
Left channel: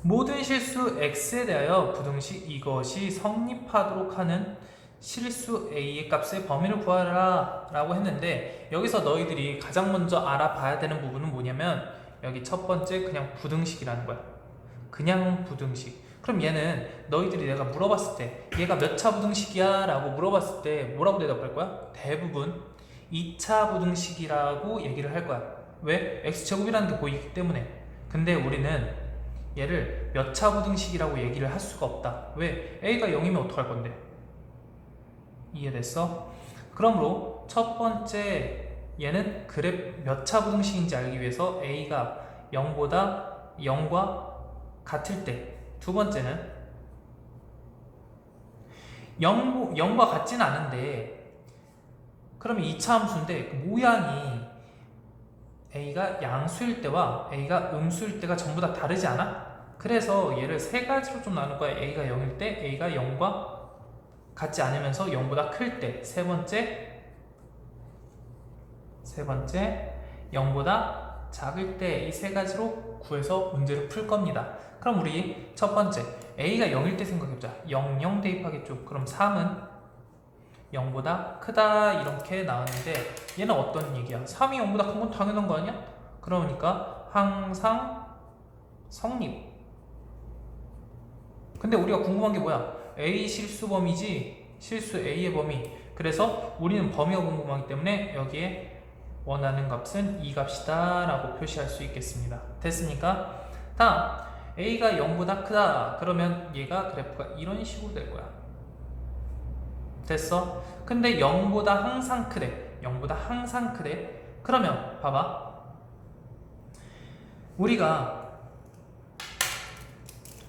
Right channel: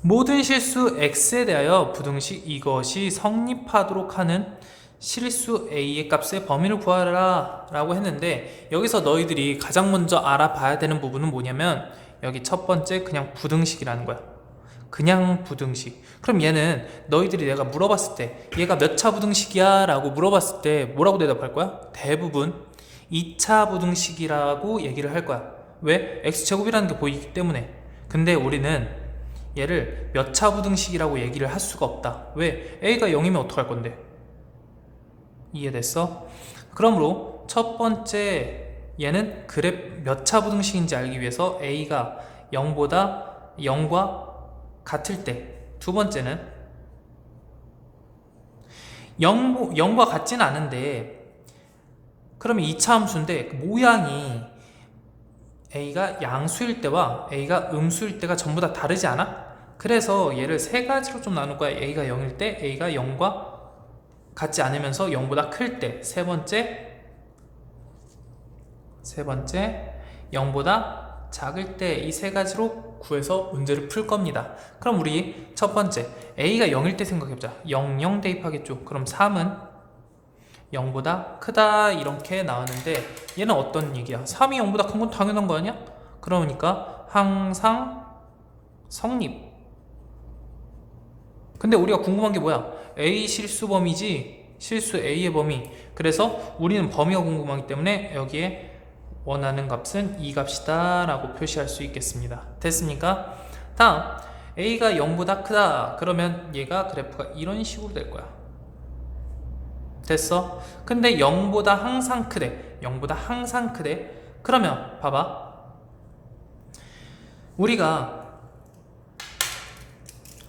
모든 실수 x에 대하여 부등식 이것이 성립하도록 하는 실수 a의 값의 범위를 구하라 라고 했는데, 여기서 너희들이 가장 먼저 알아봐야 되는 부분은 뭐냐면 여기 첫 번째 그냥 부등식이라는 거야. 그냥 부등식. 그럼 얘는 너희들이 내가 물어봤을 때 얘가 몇 차 부등식이야 라고 물어봤을 때 뭐라고 대답할 거야? 대부분 2차 부등식이라고 얘기를 할 거야. 왜? x제곱이라는 게 보이기 때문에. 근데 우리는 얘를 몇 차 부등식이라고 얘기를 할 수가 없다. 왜? a가 0이면 어떡할 건데? 이해됐어? 그러므로 첫 번째 얘는 몇 차 부등식인지 알기 위해서 a가 0과 같을 때, 두 번째는 0과 같진 않은데 그러면 2차 함수인데 그 모양이 a가 양수일 때와 a가 음수일 때가 전부 다 다르지 않아? 그래서 얘를 세 가지로 좀 나눌 거야. a가 0일 때, a가 0과 같지 않으면서 0보다 클 때, 세 번째 0보다 작을 때, 이 세 가지로 구해서 문제를 풀 겁니다. 그럼 우리 첫 번째 a가 0일 때 생각해보자. 0, 0 대입하겠죠. 그럼 3은 0보다 크다 이렇게 나오는데 얘는 어떤 얘기야? 3이 0보다 큰 건 당연한 거 아니야? 그러니까 항상 성립. 근데 우리가 궁금한 게 뭐야? a 실수 범위지 실수 a의 범위. 그래서 우리는 범위가 궁금하기 때문에 여기에 원하는 값은 이 값이다 라고 표시할 수 있겠습니다. 됐습니까? 다음 a가 0보다 크다. 그러면 얘가 그래프가 이런 식으로 될 거야. 됐어? 근데 0보다 항상 크대. 0보다 항상 크대. 그러면 봐봐. 우리가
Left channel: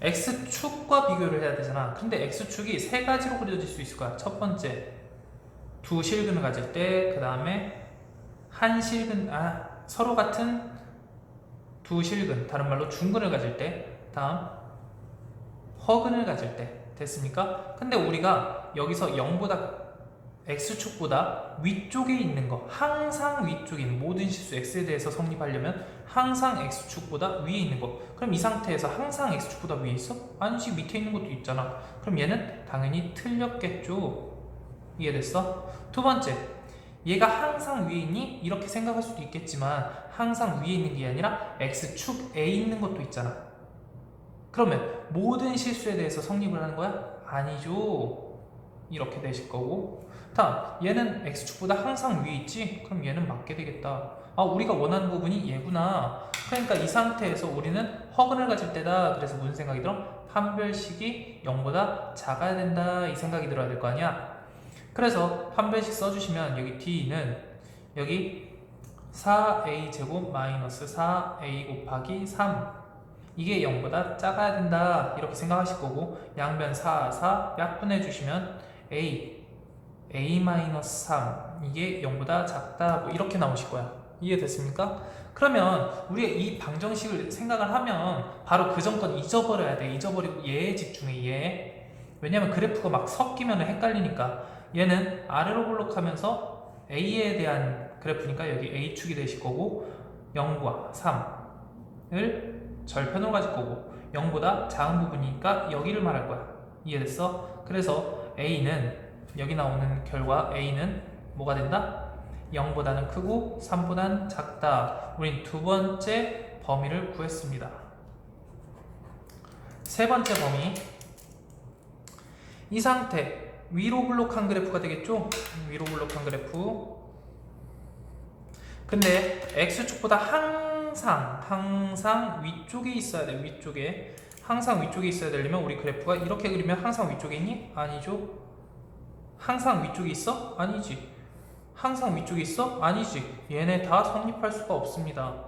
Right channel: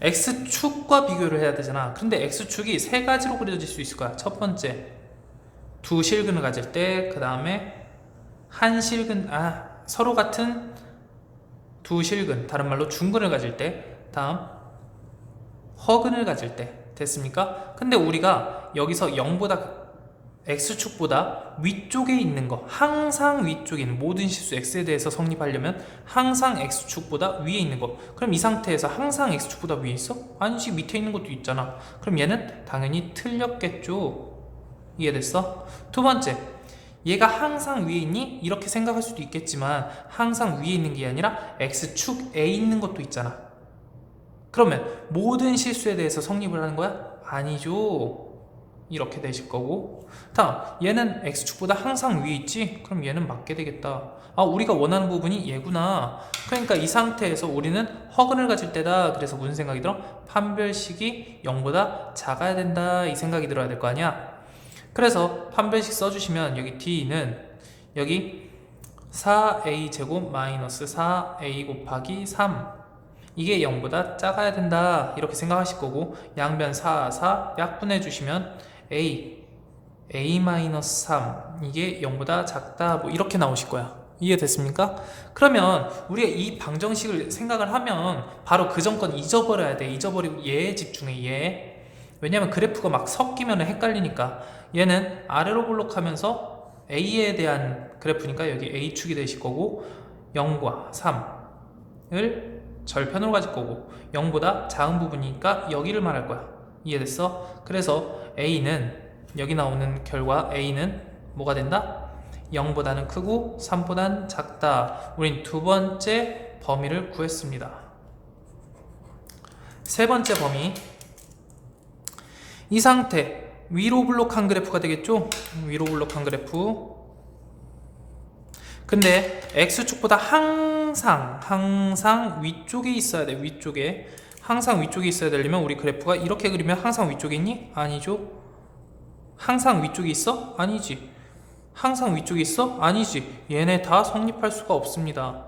x축과 비교를 해야 되잖아. 근데 x축이 세 가지로 그려질 수 있을 거야. 첫 번째 두 실근을 가질 때, 그 다음에 서로 같은 두 실근, 다른 말로 중근을 가질 때, 다음 허근을 가질 때. 됐습니까? 근데 우리가 여기서 0보다 x축보다 위쪽에 있는 거, 항상 위쪽에 있는 모든 실수 x에 대해서 성립하려면 항상 x축보다 위에 있는 거. 그럼 이 상태에서 항상 x축보다 위에 있어? 아니지, 밑에 있는 것도 있잖아. 그럼 얘는 당연히 틀렸겠죠. 이해됐어? 두 번째, 얘가 항상 위에 있니? 이렇게 생각할 수도 있겠지만 항상 위에 있는 게 아니라 x축에 있는 것도 있잖아. 그러면 모든 실수에 대해서 성립을 하는 거야? 아니죠. 이렇게 되실 거고. 다음 얘는 x축보다 항상 위에 있지? 그럼 얘는 맞게 되겠다. 우리가 원하는 부분이 얘구나. 그러니까 이 상태에서 우리는 허근을 가질 때다. 그래서 무슨 생각이 들어? 판별식이 0보다 작아야 된다. 이 생각이 들어야 될 거 아니야. 그래서 판별식 써주시면 여기 D는 여기 4a 제곱 마이너스 4a 곱하기 3, 이게 0보다 작아야 된다 이렇게 생각하실 거고, 양변 4 약분해 주시면 a-3 이게 0보다 작다 뭐 이렇게 나오실 거야. 이해됐습니까? 그러면 우리가 이 방정식을 생각을 하면 바로 그 전 건 잊어버려야 돼. 잊어버리고 얘에 집중해. 얘. 왜냐면 그래프가 막 섞이면 헷갈리니까. 얘는 아래로 볼록하면서 a에 대한 그래프니까 여기 a축이 되실 거고, 0과 3을 절편으로 가질 거고, 0보다 작은 부분이니까 여기를 말할 거야. 이해됐어? 그래서 a는 여기 나오는 결과 a는 뭐가 된다? 0보다는 크고 3보다는 작다. 우린 두 번째 범위를 구했습니다. 세 번째 범위, 이 상태 위로 블록한 그래프가 되겠죠? 위로 블록한 그래프. 근데 x축보다 항상 위쪽에 있어야 돼. 위쪽에 항상 위쪽에 있어야 되려면 우리 그래프가 이렇게 그리면 항상 위쪽에 있니? 아니죠. 항상 위쪽에 있어? 아니지. 항상 위쪽에 있어? 아니지. 얘네 다 성립할 수가 없습니다.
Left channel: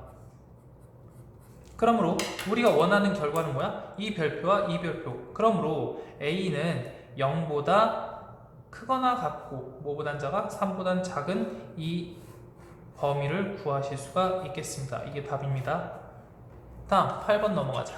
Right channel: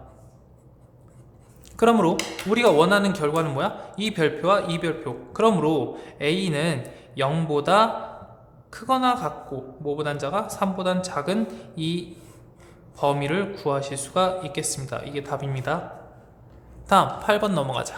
그러므로 우리가 원하는 결과는 뭐야? 이 별표와 이 별표. 그러므로 A는 0보다 크거나 같고 뭐보단 작아? 3보단 작은 이 범위를 구하실 수가 있겠습니다. 이게 답입니다. 다음 8번 넘어가자.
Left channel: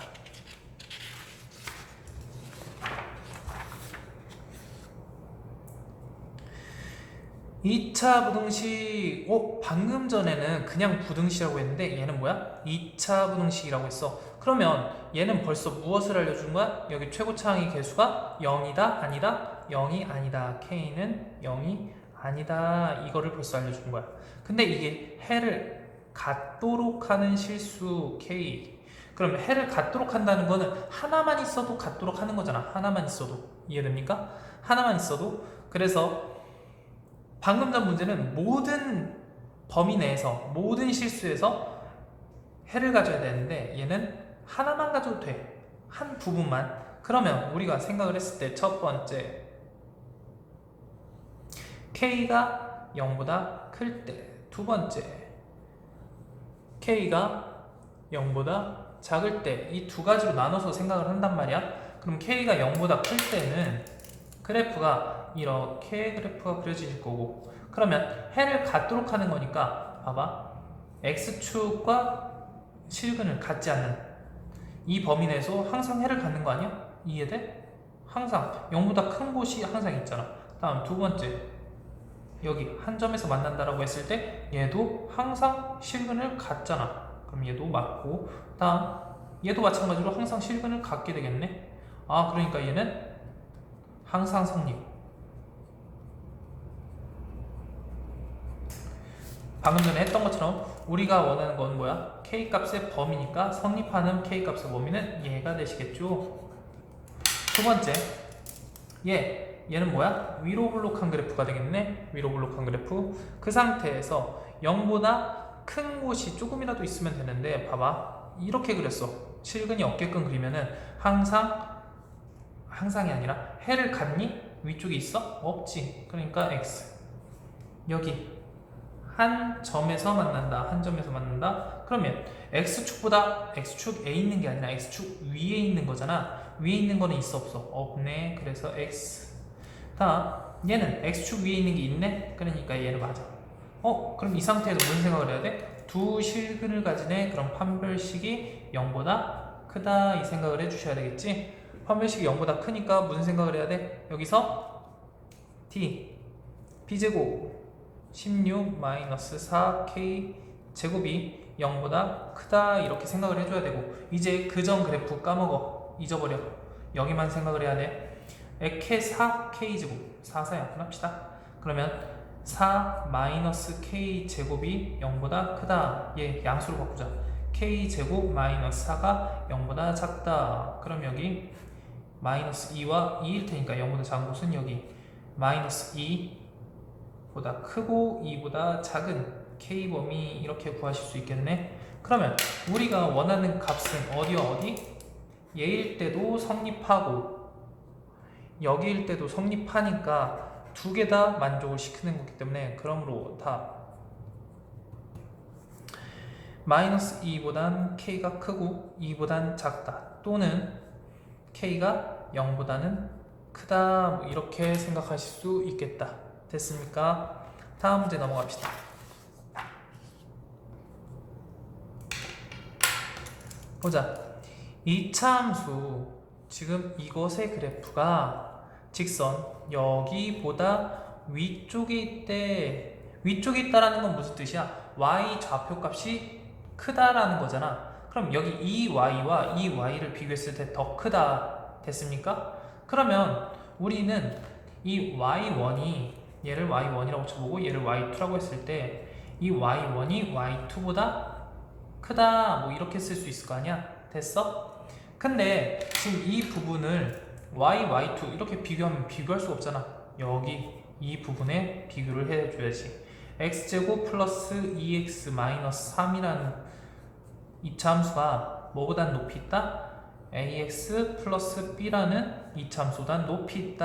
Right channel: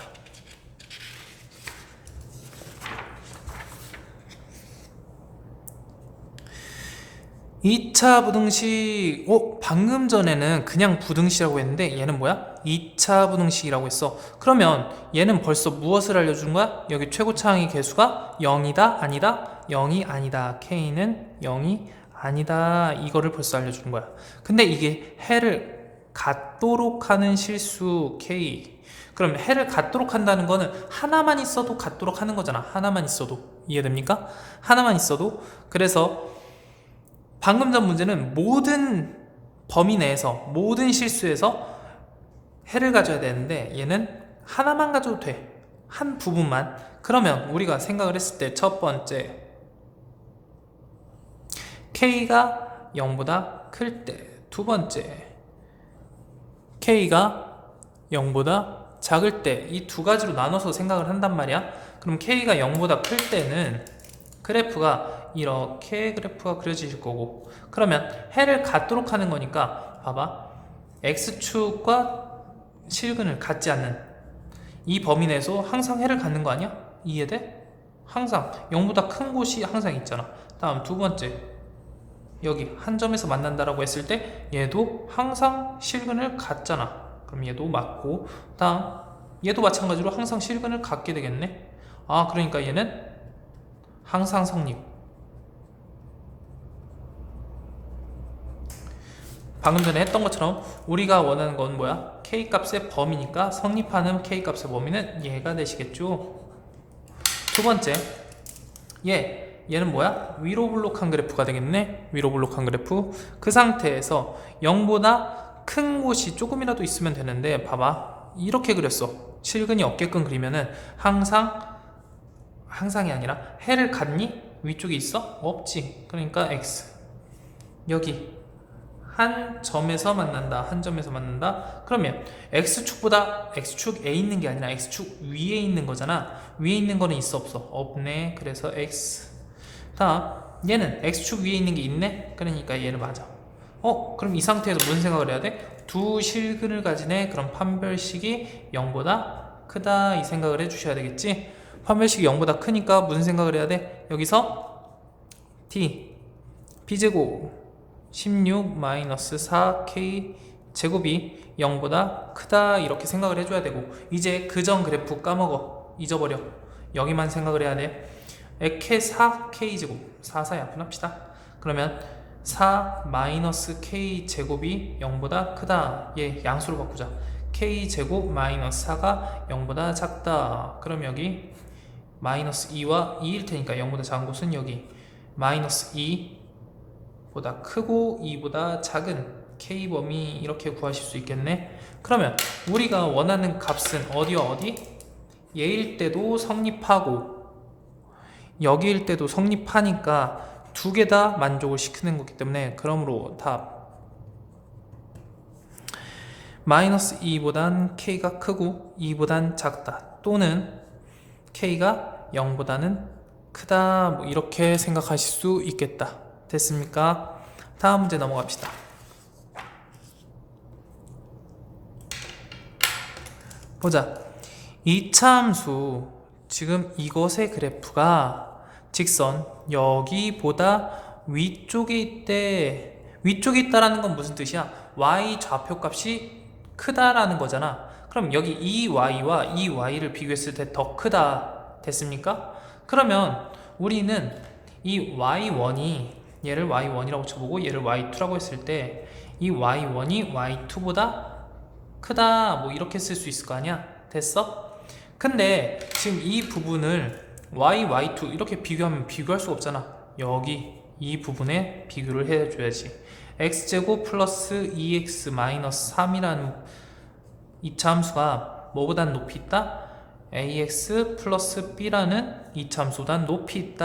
2차 부등식, 방금 전에는 그냥 부등식이라고 했는데 얘는 뭐야? 2차 부등식이라고 했어. 그러면 얘는 벌써 무엇을 알려주는 거야? 여기 최고차항의 개수가 0이다? 아니다? 0이 아니다. K는 0이 아니다. 이거를 벌써 알려주는 거야. 근데 이게 해를 갖도록 하는 실수 K. 그럼 해를 갖도록 한다는 거는 하나만 있어도 갖도록 하는 거잖아. 하나만 있어도. 이해됩니까? 하나만 있어도. 그래서 방금 전 문제는 모든 범위 내에서 모든 실수에서 해를 가져야 되는데 얘는 하나만 가져도 돼. 한 부분만. 그러면 우리가 생각을 했을 때 첫 번째 K가 0보다 클 때, 두 번째 K가 0보다 작을 때, 이 두 가지로 나눠서 생각을 한단 말이야. 그럼 K가 0보다 클 때는 그래프가 이렇게 그래프가 그려지실 거고, 그러면 해를 갖도록 하는 거니까 봐봐, X축과 실근을 갖지 않는 이 범위 내에서 항상 해를 갖는 거 아니야? 이해돼? 항상 0보다 큰 곳이 항상 있잖아. 다음 두 번째, 여기 한 점에서 만난다라고 했을 때 얘도 항상 실근을 갖잖아. 그럼 얘도 맞고, 다음 얘도 마찬가지로 항상 실근을 갖게 되겠네. 그러니까 얘는 항상 성립. 방금 전에 했던 것처럼 우리가 원하는 건 뭐야? K값의 범위니까 성립하는 K값의 범위는 얘가 되시겠죠. 두 번째, 얘는 뭐야? 위로 블록한 그래프가 되겠네. 위로 블록한 그래프. 그 상태에서 0보다 큰 곳이 조금이라도 있으면 되는데, 봐봐, 이렇게 그렸어. 실근이 없게끔 그리면은 항상이 아니라 해를 갖니? 위쪽에 있어? 없지. 그러니까 X. 여기 한 점에서 만난다. 한 점에서 만난다. 그러면 X축에 있는 게 아니라 X축 위에 있는 거잖아. 위에 있는 거는 있어 없어? 없네. 그래서 X. 다음 얘는 X축 위에 있는 게 있네. 그러니까 얘는 맞아. 그럼 이 상태에서 무슨 생각을 해야 돼? 두 실근을 가지네. 그럼 판별식이 0보다 크다. 이 생각을 해주셔야 되겠지. 판별식이 0보다 크니까 무슨 생각을 해야 돼? 여기서 T B제곱 16-4K 제곱이 0보다 크다, 이렇게 생각을 해줘야 되고, 이제 그전 그래프 까먹어. 잊어버려. 여기만 생각을 해야 돼. 에케 4K 제곱, 4 약분합시다. 그러면 4-K 제곱이 0보다 크다. 얘 양수로 바꾸자. K 제곱 마이너스 4가 0보다 작다. 그럼 여기 마이너스 2와 2일 테니까 0보다 작은 곳은 여기 마이너스 2 보다 크고 2보다 작은 K범위, 이렇게 구하실 수 있겠네. 그러면 우리가 원하는 값은 어디와 어디? 얘일 때도 성립하고 여기일 때도 성립하니까 두 개 다 만족을 시키는 거기 때문에, 그러므로 답 마이너스 2보단 K가 크고 2보단 작다, 또는 K가 0보다는 크다, 뭐 이렇게 생각하실 수 있겠다. 됐습니까? 다음 문제 넘어갑시다. 보자. 이차함수, 지금 이것의 그래프가 직선 여기보다 위쪽에 있대. 위쪽에 있다라는 건 무슨 뜻이야? y 좌표값이 크다라는 거잖아. 그럼 여기 이 y와 이 y를 비교했을 때 더 크다. 됐습니까? 그러면 우리는 이 y1이, 얘를 y1이라고 쳐보고 얘를 y2라고 했을 때 이 y1이 y2보다 크다, 뭐 이렇게 쓸 수 있을 거 아니야. 됐어? 근데 지금 이 부분을 y, y2 이렇게 비교하면 비교할 수가 없잖아. 여기 이 부분에 비교를 해줘야지. x제곱 플러스 2x 마이너스 3이라는 이차함수가 뭐보단 높이 있다? ax 플러스 b라는 이차함수보단 높이 있다.